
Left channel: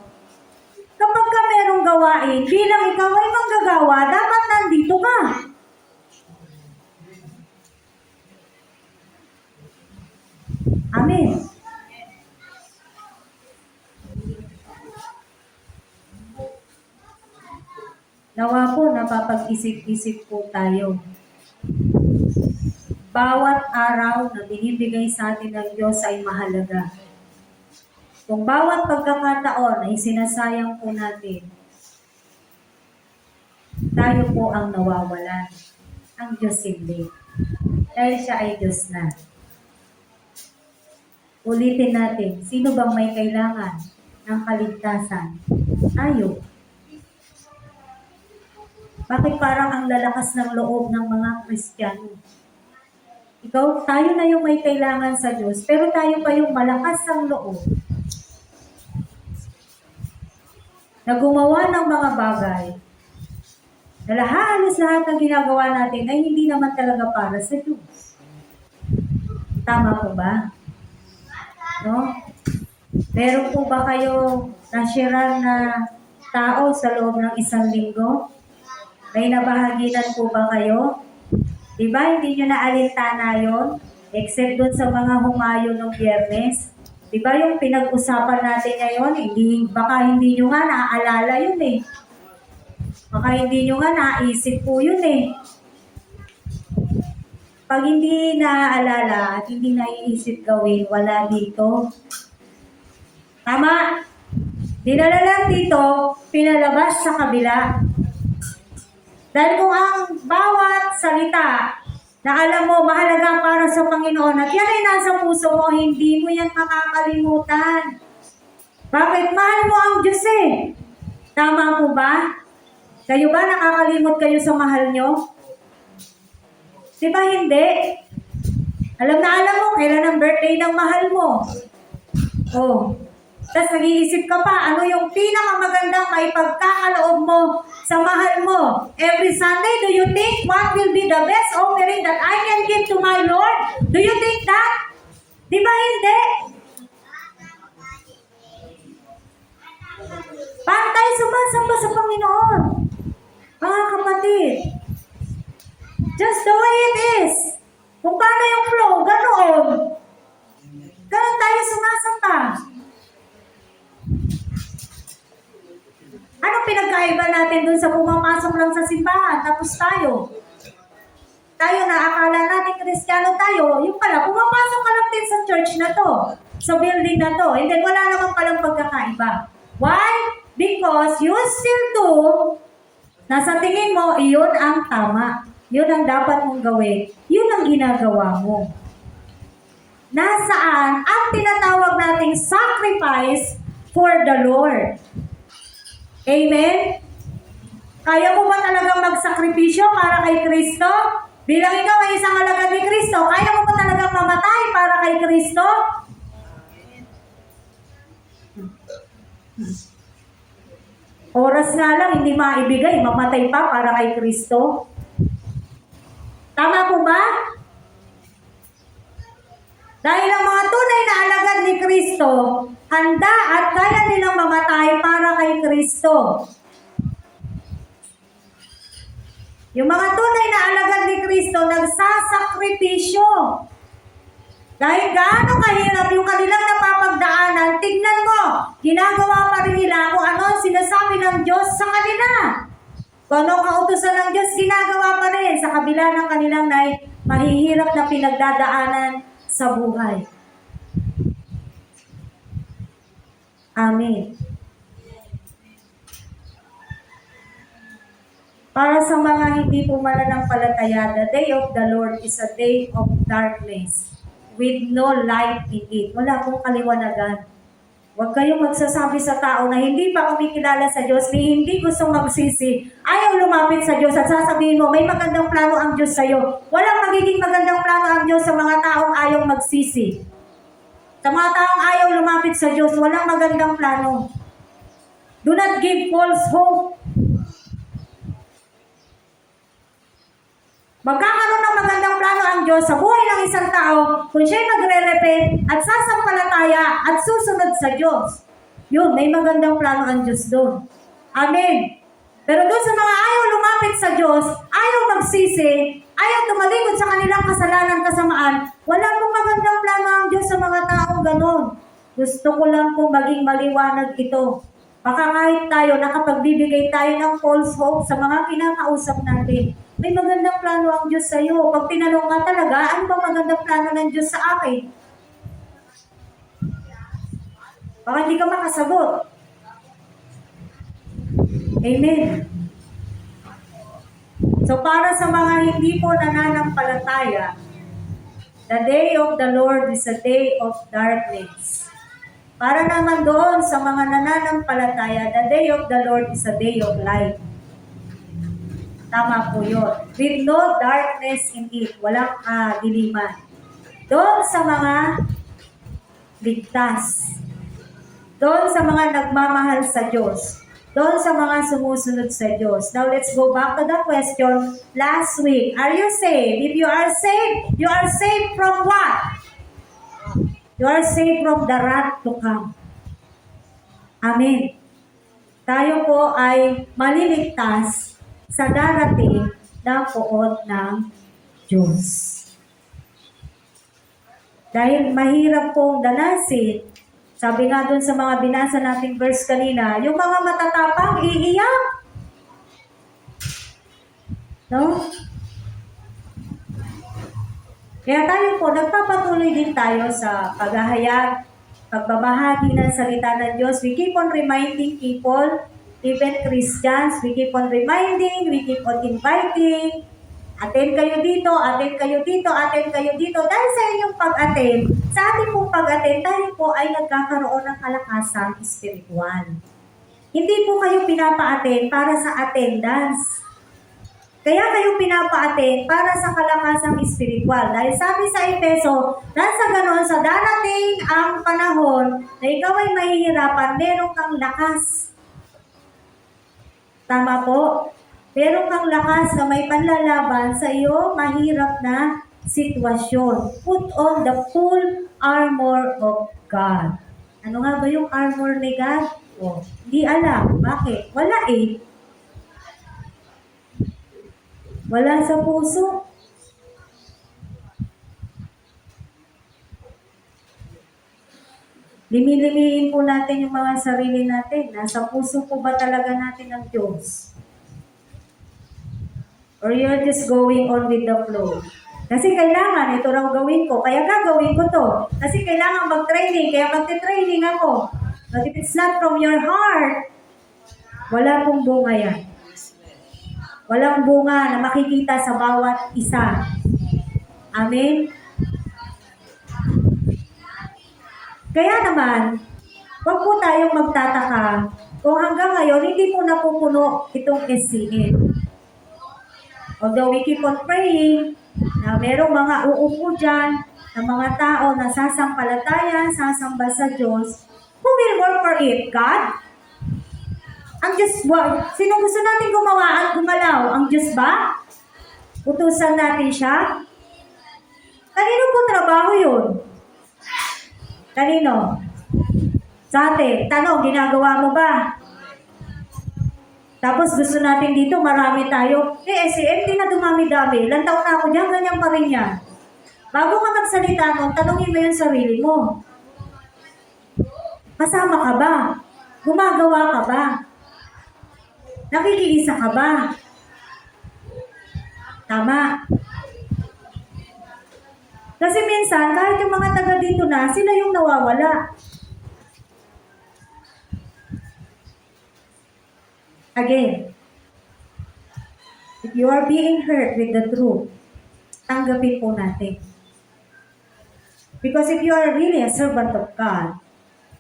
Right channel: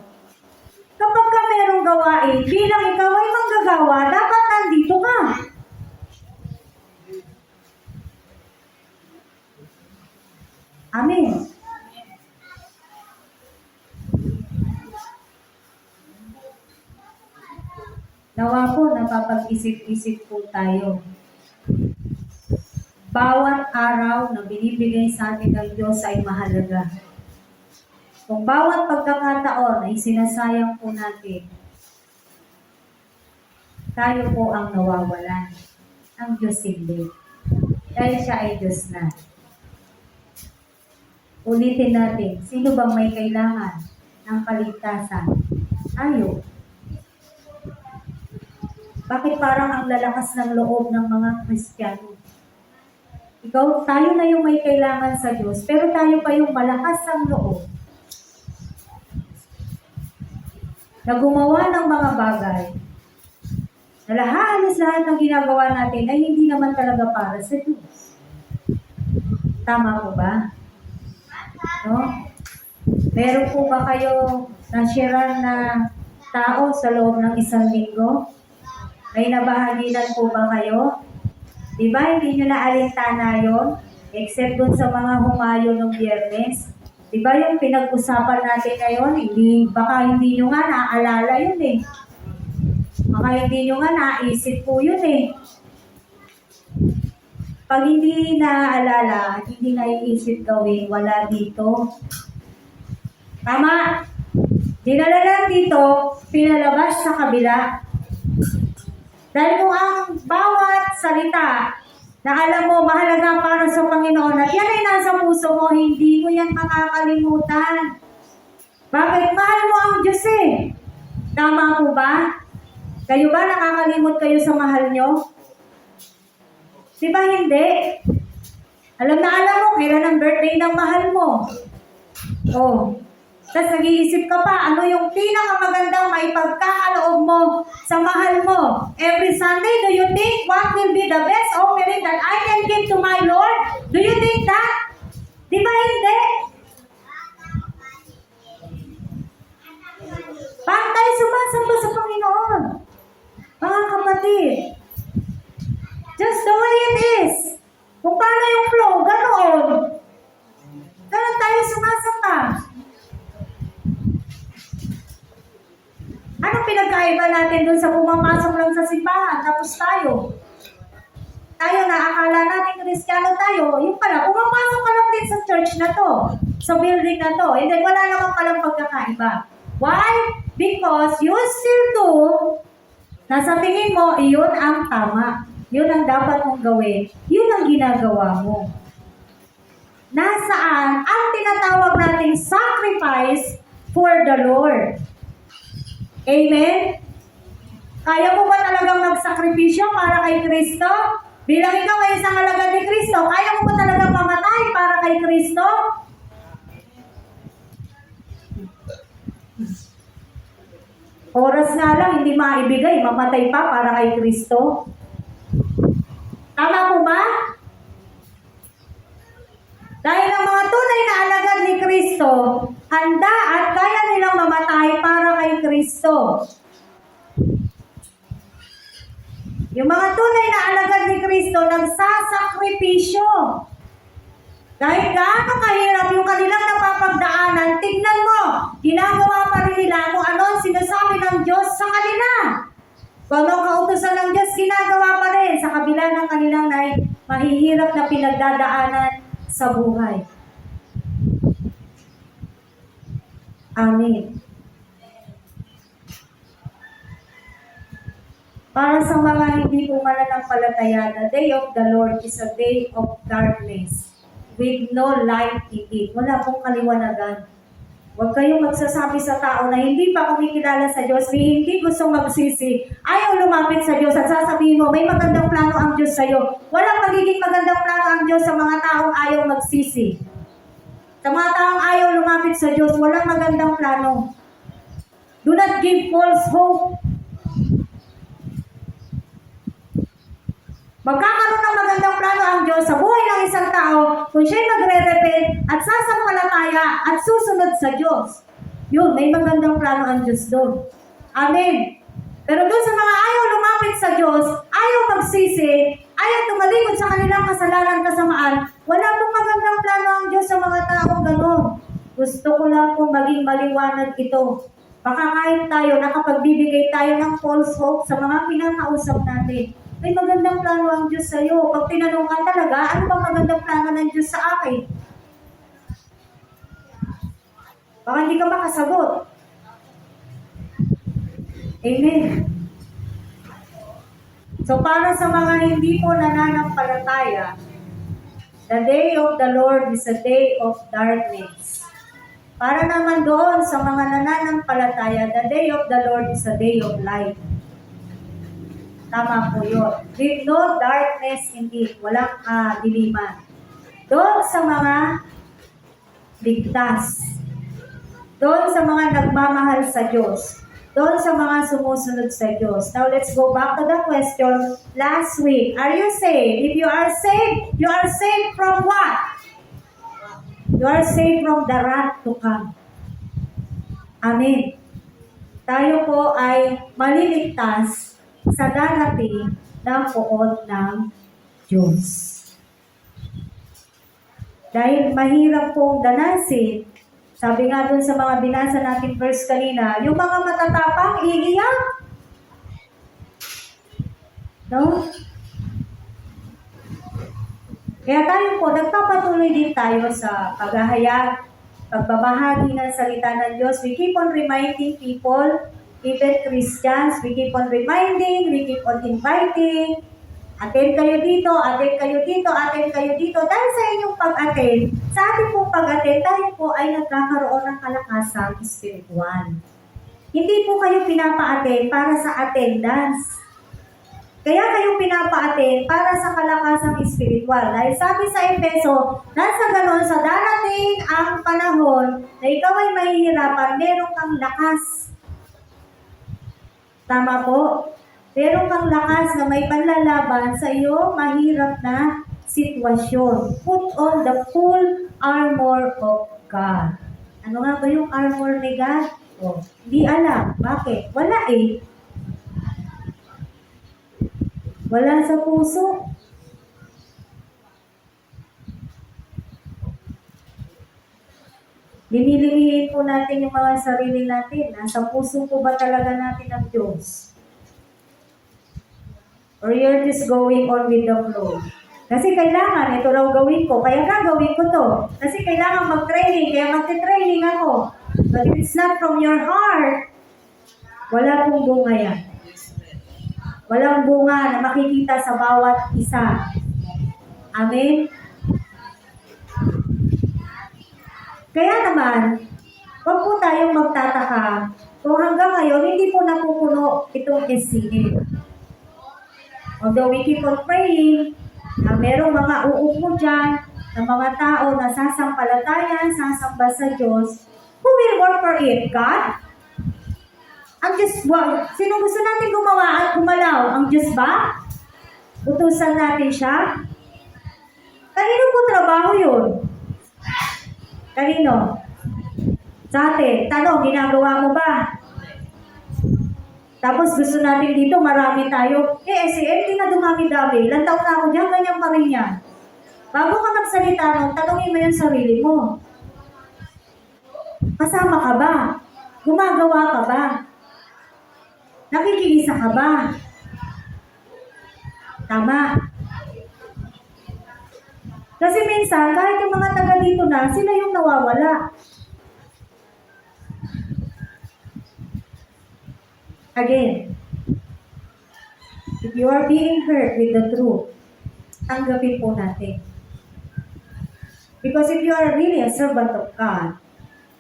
Kapag ka merong gawain, bilang ikaw ay manggagawa, dapat nandito ka. Amen. Nawa po, napapag-isip-isip po tayo. Bawat araw na binibigay sa atin ng Diyos ay mahalaga. Kung bawat pagkakataon ay sinasayang po natin, tayo po ang nawawalan. Ang Diyos hindi. Dahil siya ay Diyos na. Ulitin natin, sino bang may kailangan ng kaligtasan? Tayo. Bakit parang ang lalakas ng loob ng mga Kristiyano? Ikaw, tayo na yung may kailangan sa Diyos, pero tayo pa yung malakas ang loob na gumawa ng mga bagay na halos lahat ng ginagawa natin ay hindi naman talaga para sa Diyos. Tama po ba? No? Meron po ba kayo nashiran na tao sa loob ng isang linggo? May nabahaginan po ba kayo? Diba, hindi nyo naalintana yun? Except dun sa mga humayo ng Biyernes. Diba yung pinag-usapan natin ngayon, baka hindi nyo nga naaalala yun eh. Baka hindi nyo nga naisip po yun eh. pag hindi naaalala at hindi naiisip gawin, wala dito. Tama? Dinala lang dito, pinalabas sa kabila. Dahil kung ang bawat salita na alam mo mahalaga para sa Panginoon at yan ay nasa puso mo, hindi mo yan makakalimutan. Bakit? Mahal mo ang Diyos eh. Tama po ba? Kayo ba nakakalimot kayo sa mahal nyo? Di ba hindi? Alam mo kailan ang birthday ng mahal mo. Oh. Tapos nag-iisip ka pa, ano yung pinakamagandang maipagkakaloob mo sa mahal mo. Every Sunday, do you think what will be the best offering that I can give to my Lord? Do you think that? Di ba hindi? Paano tayo sumasamba sa Panginoon? Mga kapatid, just the way it is. Kung paano yung flow, ganoon. Ganon tayo sumasamba. Anong pinagkaiba natin dun sa pumapasok lang sa simbahan, tapos tayo na akala natin Kristiyano tayo, yung pala, pumapasok ka lang din sa church na to, sa building na to, hindi, wala naman palang pagkakaiba. Why? Because you still do, nasa tingin mo, iyon ang tama. Yun ang dapat mong gawin. Yun ang ginagawa mo. Nasaan ang tinatawag nating sacrifice for the Lord? Amen? Kaya mo ba talagang magsakripisyo para kay Kristo? Bilang ikaw ay isang alagad ni Kristo, kaya mo ba talagang mamatay para kay Kristo? Oras nga lang, hindi maibigay, mamatay pa para kay Kristo. Tama po ba? Dahil ang mga tunay na alagad ni Kristo, handa at kaya nilang mamatay para kay Kristo. Yung mga tunay na alagad ni Kristo, nagsasakripisyo. Dahil gaano kahirap yung kanilang napapagdaanan, tignan mo, ginagawa pa rin nila kung ano ang sinasabi ng Diyos sa kanila. Kung anong kautusan ng Diyos, ginagawa pa rin sa kabila ng kanilang mahihirap na pinagdadaanan sa buhay. Amen. Para sa mga hindi po mananampalataya, the day of the Lord is a day of darkness with no light in it. Wala pong kaliwanagan. Huwag kayong magsasabi sa tao na hindi pa kumikilala sa Diyos, ni hindi gusto magsisi, ayaw lumapit sa Diyos at sasabihin mo, may magandang plano ang Diyos sa'yo. Walang magiging magandang plano ang Diyos sa mga taong ayaw magsisi. Sa mga taong ayaw lumapit sa Diyos, walang magandang plano. Do not give false hope. Magkakaroon ng magandang plano ang Diyos sa buhay ng isang tao kung siya'y magre-repent at sasampalataya at susunod sa Diyos. Yun, may magandang plano ang Diyos doon. Amen. Pero doon sa mga ayaw lumapit sa Diyos, ayaw magsisi, ayaw tumalikod sa kanilang kasalanan, kasamaan, wala pong magandang plano ang Diyos sa mga taong gano'n. Gusto ko lang pong maging maliwanag ito. Baka kahit tayo, nakapagbibigay tayo ng false hope sa mga kinakausap natin. May magandang plano ang Diyos sa iyo. Pag tinanong ka talaga, ano ba magandang plano ng Diyos sa akin? Baka hindi ka makasagot. Amen. So para sa mga hindi po nananampalataya, the day of the Lord is a day of darkness. Para naman doon sa mga nananampalataya, the day of the Lord is a day of light. Tama po yun. With no darkness in it. Walang diliman. Doon sa mga ligtas. Doon sa mga nagmamahal sa Diyos. Doon sa mga sumusunod sa Diyos. Now let's go back to the question last week. Are you saved? If you are saved from what? You are saved from the wrath to come. Amen. Tayo po ay maliligtas sa darating ng poon ng Diyos. Dahil mahirap pong ganasin, sabi nga dun sa mga binasa nating verse kanina, yung mga matatapang iiyak. No? Kaya tayo po, nagpapatuloy din tayo sa paghahayag, pagbabahagi ng salita ng Diyos. We keep on reminding people, even Christians, we keep on reminding, we keep on inviting, attend kayo dito, attend kayo dito, attend kayo dito. Dahil sa inyong pag-attend, sa ating pong pag-attend, tayo po ay nagkakaroon ng kalakasang spiritual. Hindi po kayo pinapa-attend para sa attendance. Kaya kayo pinapa-attend para sa kalakasang spiritual. Dahil sabi sa Efeso, nasa ganon sa darating ang panahon na ikaw ay mahihirapan, meron kang lakas. Tama po? Meron kang lakas na may panlalaban sa iyo mahirap na sitwasyon. Put on the full armor of God. Ano nga ba yung armor ni God? Oh, hindi alam. Bakit? Wala eh. Wala sa puso. Limilimin po natin yung mga sarili natin. Nasa puso po ba talaga natin ang Diyos? Or you're just going on with the flow? Kasi kailangan, ito raw gawin ko, kaya gagawin ko to. Kasi kailangan mag-training, kaya magte-training ako. But if it's not from your heart, wala pong bunga yan. Walang bunga na makikita sa bawat isa. Amen? Kaya naman, huwag po tayong magtataka kung hanggang ngayon hindi po napupuno itong SCN. Although we keep on praying, na merong mga uupo dyan, na mga tao na sasampalatayan, sasamba sa Diyos, who will work for it? God? Ang Diyos, sino gusto natin gumawa at gumalaw? Ang Diyos ba? Utusan natin siya? Kanino po trabaho yun? Kanino? Sa atin. Tanong, ginagawa mo ba? Tapos gusto natin dito, marami tayo. SCM, di na dumami-dami. Ilang taon na ako dyan, ganyan pa rin yan. Bago ka magsalita nun, tanongin mo yung sarili mo. Kasama ka ba? Gumagawa ka ba? Nakikiisa ka ba? Tama. Kasi minsan, kahit yung mga taga dito na, sila yung nawawala. Again, if you are being hurt with the truth, tanggapin po natin. Because if you are really a servant of God,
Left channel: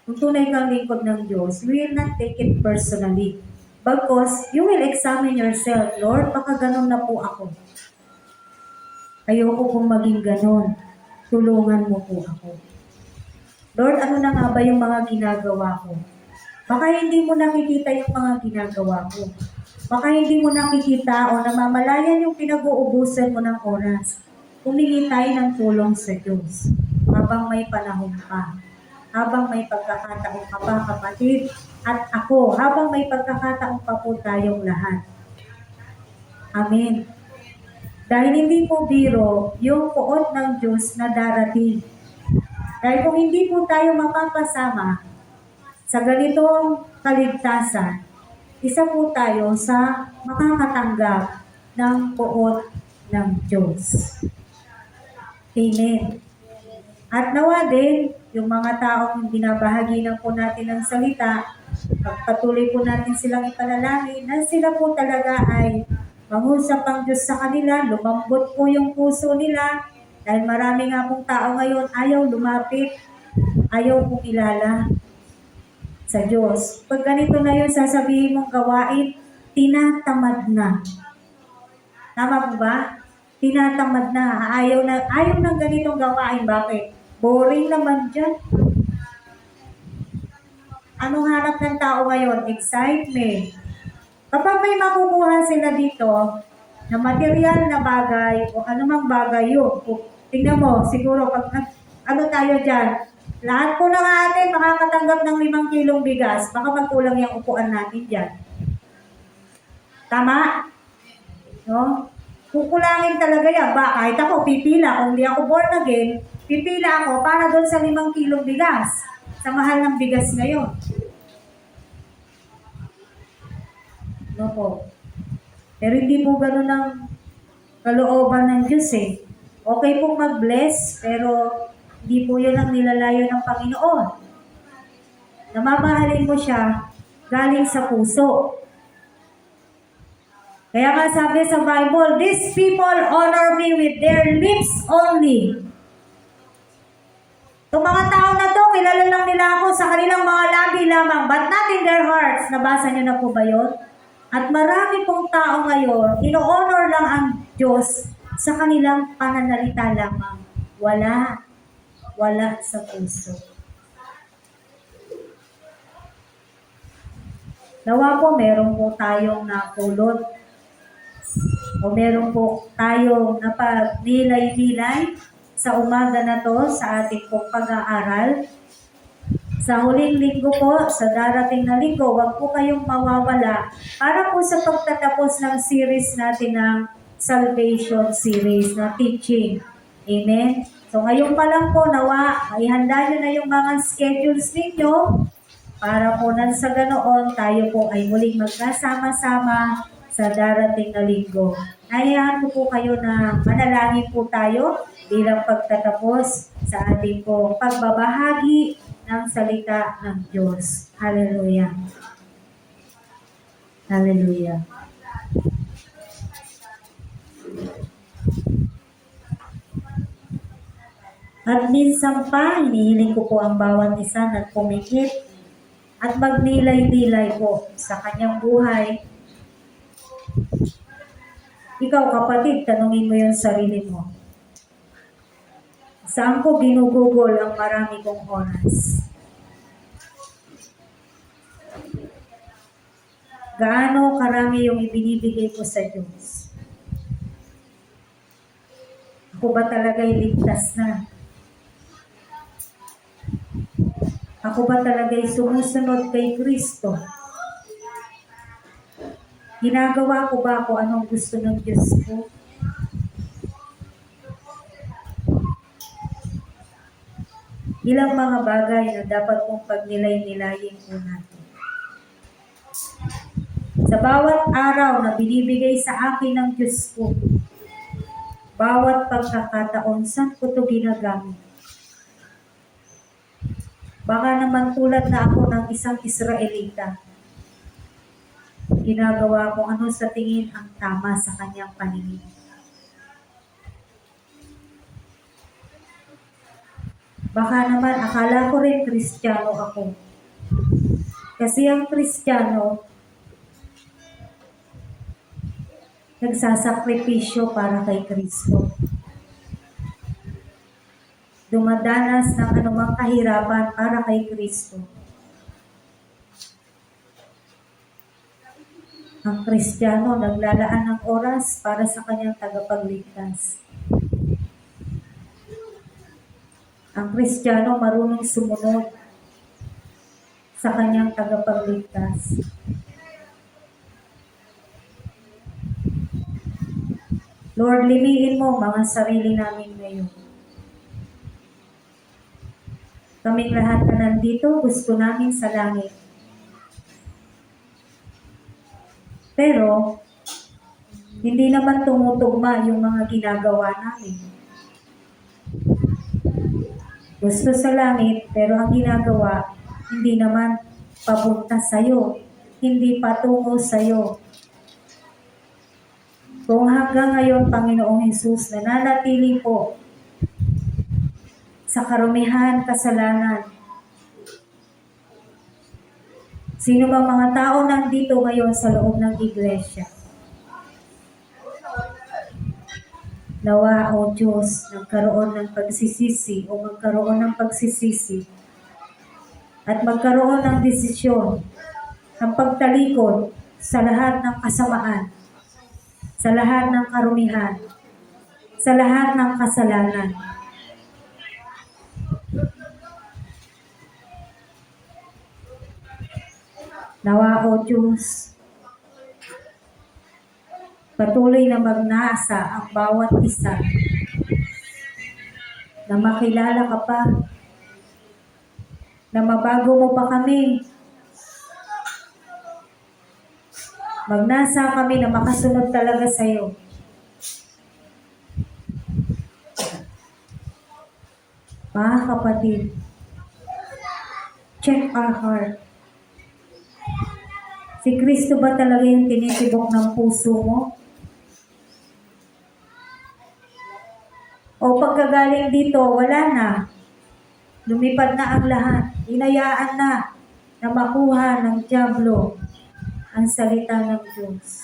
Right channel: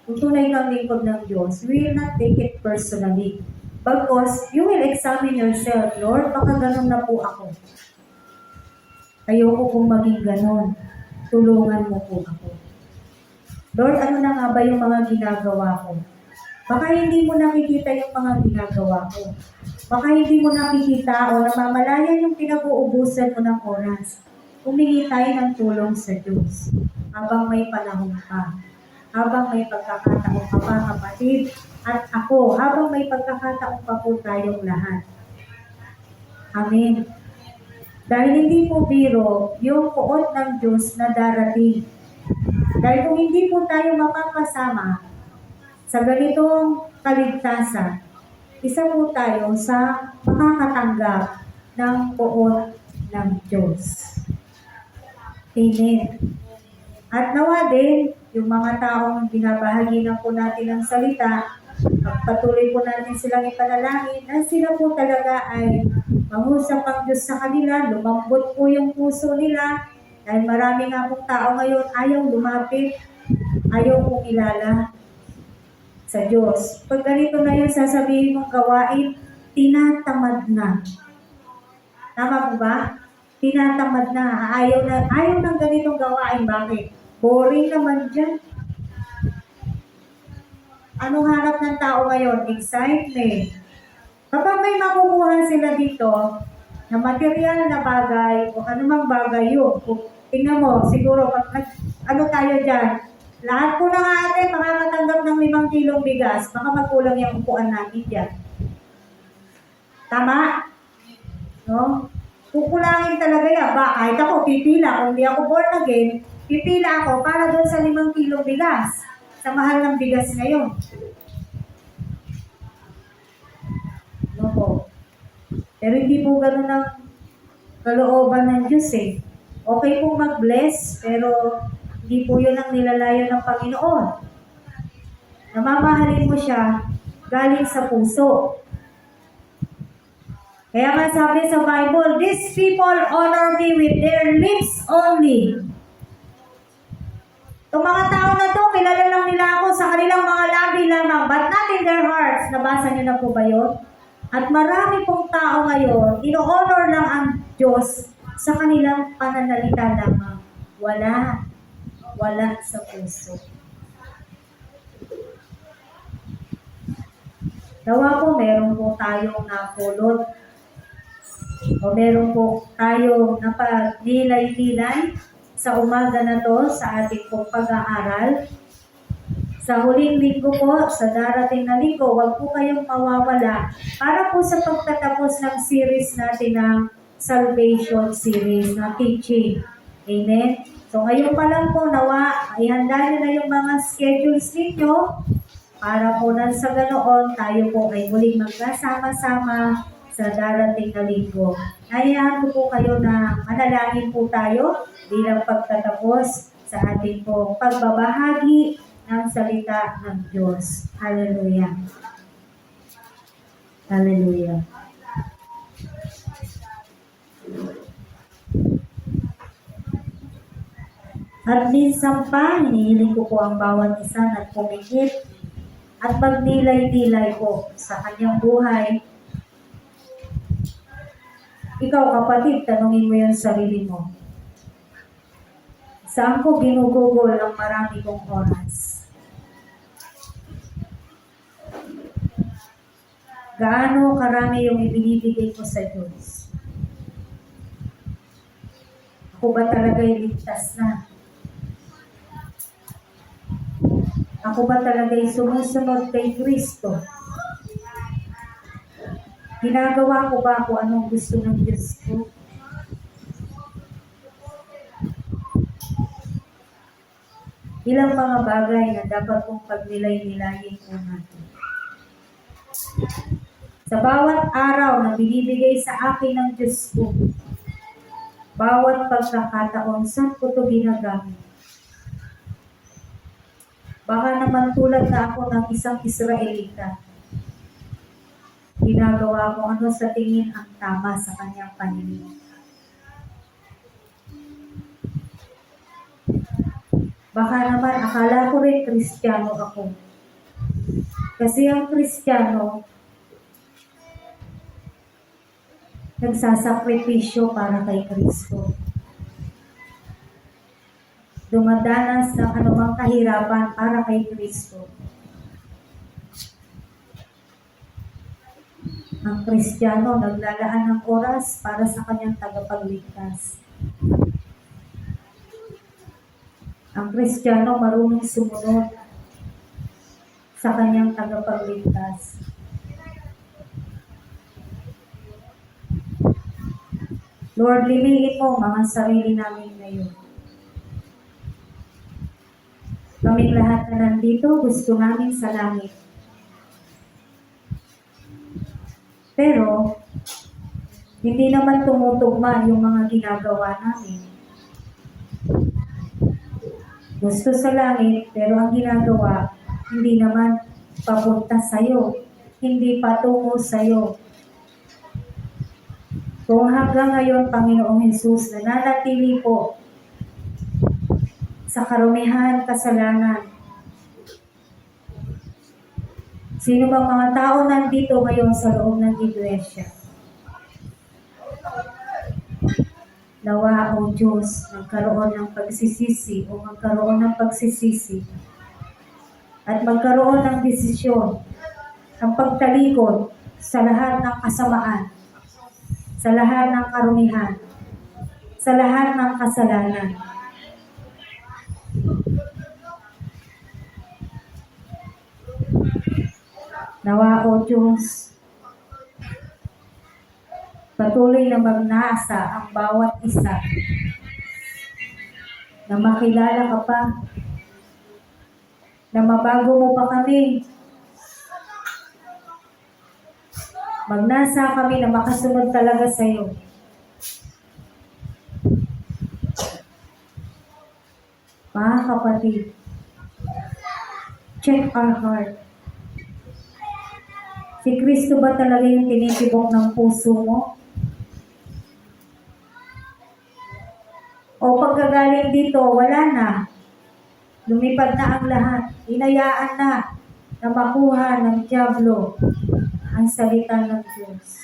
kung tunay kang lingkod ng Diyos, you will not take it personally. Because you will examine yourself, Lord, baka ganun na po ako. Ayoko pong maging ganun. Tulungan mo po ako. Lord, ano na nga ba yung mga ginagawa ko? Baka hindi mo nakikita yung mga ginagawa ko. Baka hindi mo nakikita o namamalayan yung pinag-uubusan mo ng oras. Humingi tayo ng tulong sa Diyos habang may panahon pa. Habang may pagkakataon pa pa, kapatid. At ako, habang may pagkakataon pa po tayong lahat. Amen. Dahil hindi po biro yung puot ng Diyos na darating. Dahil kung hindi po tayo mapapasama sa ganitong kaligtasan, isa po tayo sa makakatanggap ng puot ng Diyos. Amen. At nawa din, yung mga taong binabahagi na po natin ng salita, patuloy po natin silang ipanalangin na sila po talaga ay mangusap ang Diyos sa kanila, lumambot po yung puso nila, dahil marami nga pong tao ngayon ayaw lumapit, ayaw pong ilala sa Diyos. Pag ganito na yung sasabihin mong gawain, tinatamad na. Tama po ba? Tinatamad na. Ayaw ng ganitong gawain. Bakit? Boring naman dyan. Anong hanap ng tao ngayon? Excitement. Kapag may makukuha sila dito na material na bagay o anumang bagay yun, tingnan mo, siguro pag ano tayo dyan, lahat po ng atin makakatanggap ng 5 kilong bigas, baka magkulang yung upuan natin dyan. Tama? No? Kukulangin talaga yan. Kahit ako, pipila. Kung hindi ako born again, pipila ako para doon sa 5 kilong bigas. Sa mahal ng bigas ngayon. No po. Pero hindi po ganun ang kalooban ng Diyos eh. Okay pong mag-bless, pero hindi po yun ang nilalayo ng Panginoon. Namamahalin mo siya galing sa puso. Kaya nga sabi sa Bible, these people honor me with their lips only. Itong mga tao na to, kilala lang nila ako sa kanilang mga labi lamang, but not in their hearts. Nabasa niyo na po ba yun? At marami pong tao ngayon, ino-honor lang ang Diyos sa kanilang pananalita lamang. Wala sa puso. Nawa po, meron po tayong napulot o meron po tayong napagnilay-nilay sa umaga na to sa ating pong pag-aaral. Sa huling linggo po, sa darating na linggo, huwag po kayong mawawala para po sa pagtatapos ng series natin na Salvation Series na teaching. Amen? So ngayon pa lang po, nawa, ihanda nyo na yung mga schedules ninyo para po nang sa ganoon, tayo po ay muling magkasama-sama sa darating na linggo. Hayaan ko po kayo na manalangin po tayo bilang pagtatapos sa ating po pagbabahagi ng salita ng Diyos. Hallelujah. Hallelujah. At minsan pa, hinihiling ko po ang bawat isa na pumikit at magnilay-nilay po sa kanyang buhay. Ikaw kapatid, tanungin mo yung sarili mo. Saan ko ginugugol ang marami kong oras? Gaano karami yung ibinibigay ko sa Diyos? Ako ba talaga'y ligtas na? Ako ba talaga'y sumusunod kay Kristo? Ginagawa ko ba kung anong gusto ng Diyos ko? Ilang mga bagay na dapat kong pagnilay-nilayin po natin. Sa bawat araw na binibigay sa akin ng Diyos ko, bawat pagkakataon, saan ko ito ginagamit? Baka naman tulad na ako ng isang Israelita, ginagawa ko ano sa tingin ang tama sa kanyang paningin. Baka naman akala ko rin Kristiyano ako. Kasi ang Kristiyano, nagsasakripisyo para kay Kristo. Dumadanas ng anumang kahirapan para kay Kristo. Ang Kristiyano naglalaan ng oras para sa kanyang tagapagligtas. Ang Kristiyano marunong sumunod sa kanyang tagapagligtas. Lord, limihin mo mga sarili namin ngayon. Kaming lahat na nandito, gusto namin sa langit. Pero, hindi naman tumutugma yung mga ginagawa namin. Gusto sa langit, pero ang ginagawa, hindi naman papunta sa'yo. Hindi patungo sa'yo. Kung hanggang ngayon, Panginoong Hesus, nananatili po sa karumihan, kasalanan. Sino ba mga tao nandito ngayon sa loob ng iglesia? Nawa, O Diyos, nagkaroon ng pagsisisi o magkaroon ng pagsisisi at magkaroon ng desisyon ang pagtalikod sa lahat ng kasamaan, sa lahat ng karumihan, sa lahat ng kasalanan. Nawa, O Diyos, patuloy na magnasa ang bawat isa na makilala ka pa, na mabago mo pa kami, magnasa kami na makasunod talaga sa iyo. Mga kapatid, check our heart. Si Kristo ba talaga yung tinitibok ng puso mo? O pagkagaling dito, wala na. Lumipad na ang lahat. Inayaan na makuha ng dyablo ang salita ng Diyos.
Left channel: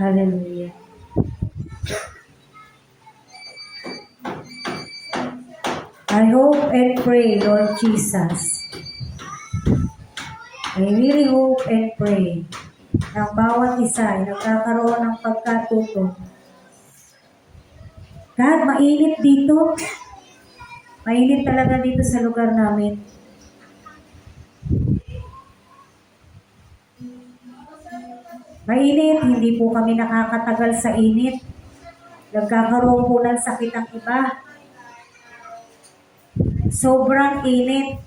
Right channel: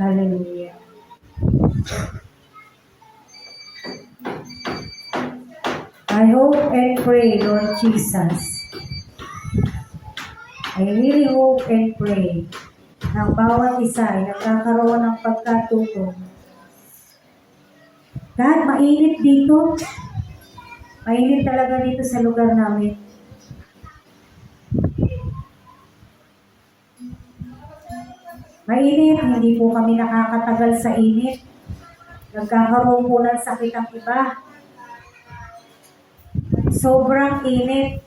Hallelujah. I hope and pray, Lord Jesus. I really hope and pray na bawat isa ay nagkakaroon ng pagkatuto. God, mainit dito. Mainit talaga dito sa lugar namin. Mainit, hindi po kami nakakatagal sa init. Nagkakaroon po ng sakit ang iba. Sobrang init.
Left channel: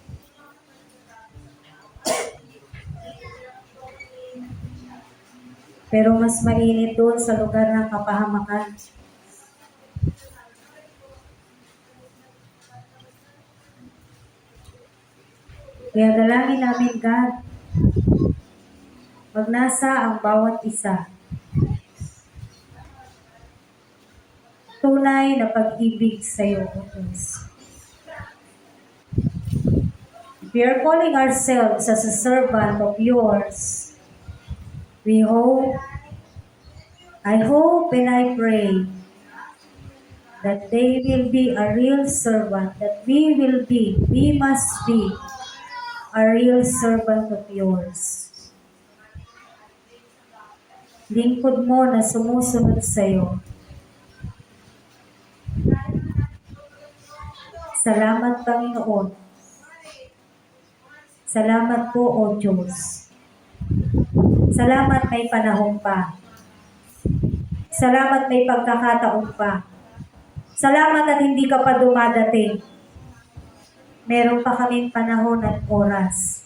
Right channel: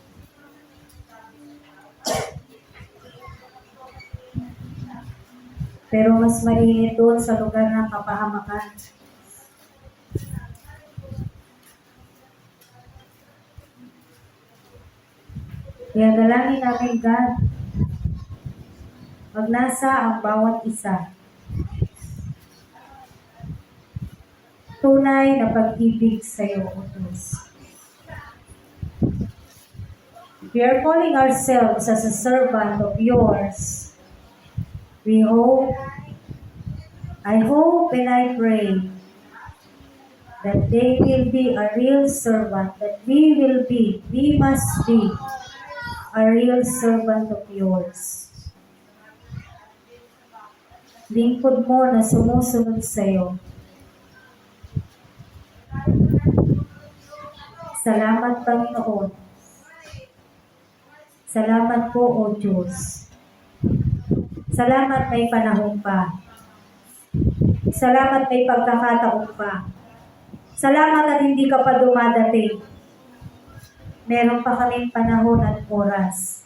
Pero mas mainit doon sa lugar ng kapahamakan. Kaya dalangin namin, God, pag nasa ang bawat isa, tunay na pag-ibig sa iyo, O Diyos. We are calling ourselves as a servant of yours. I hope and I pray that they will be a real servant, that we must be a real servant of yours. Lingkod mo na sumusunod sa iyo. Salamat, Panginoon. Salamat po, O Diyos. Salamat may panahon pa. Salamat may pagkakataon pa. Salamat at hindi ka pa dumadating. Meron pa kaming panahon at oras.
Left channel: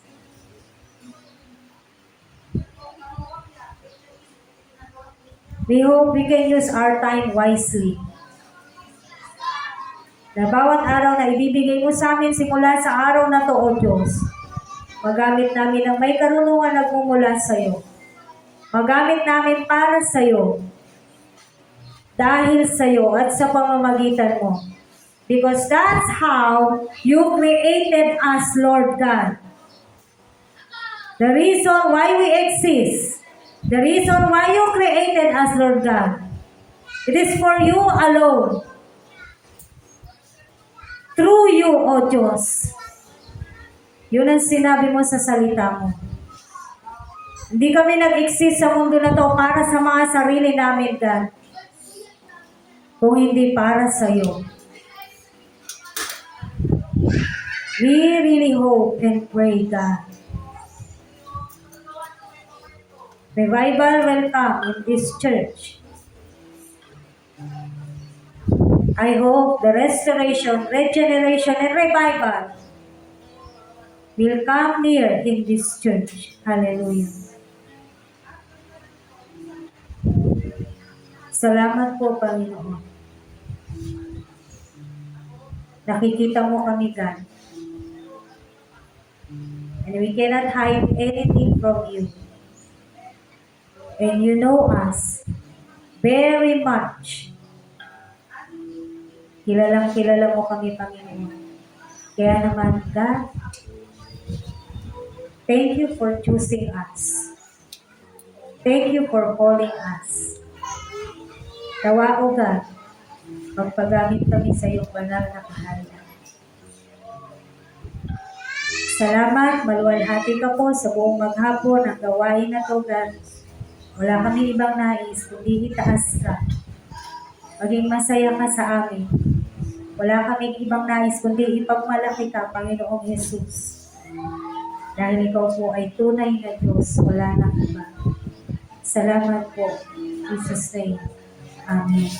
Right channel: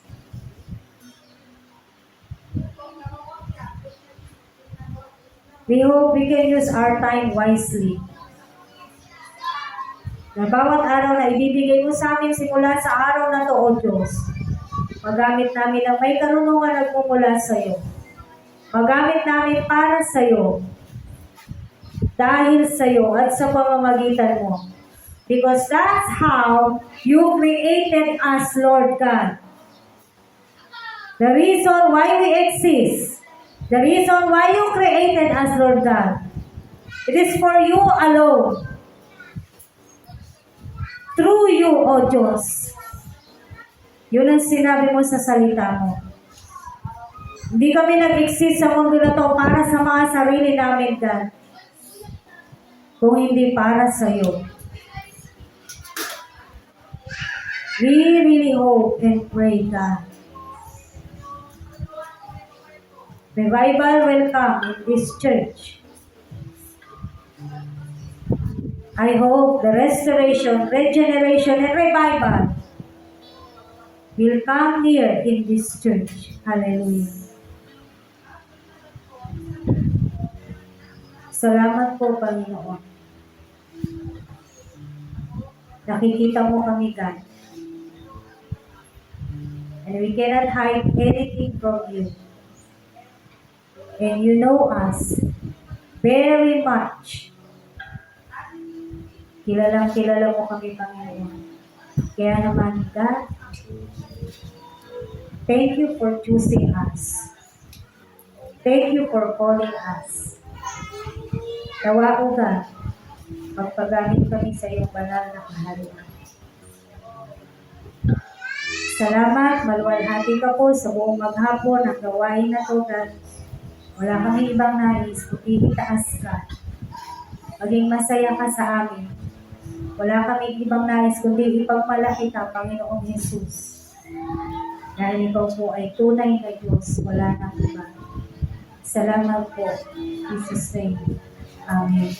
We hope we can use our time wisely. Na bawat araw na ibibigay mo sa amin simula sa araw na to, O Diyos, magamit namin ang may karunungan nagmumula sa iyo. Magamit namin para sa iyo, dahil sa iyo at sa pamamagitan mo. Because that's how you created us, Lord God. The reason why we exist, the reason why you created us, Lord God, it is for you alone. Through you, O Diyos. Yun ang sinabi mo sa salita mo. Hindi kami nag-exist sa mundo na to para sa mga sarili namin, God. Kung hindi para sa iyo. We really hope and pray, God. Revival will come in this church. I hope the restoration, regeneration, and revival will come near in this church. Hallelujah. Salamat po, Panginoon. Nakikita mo kami, God. And we cannot hide anything from you. And you know us very much. Kilala mo kami, Panginoon. Kaya naman, God, thank you for choosing us. Thank you for calling us. Tawa, O God, magpagamit kami sa iyong banal na kaharian. Salamat, maluwalhati ka po sa buong maghapon ang gawain na to, God. Wala kami ibang nais, kundi itaas ka. Maging masaya ka sa amin. Wala kami ibang nais, kundi ipagmalaki ka, Panginoong Jesus. Dahil ikaw po ay tunay na Diyos, wala nang iba. Salamat po, Jesus' name. Amen.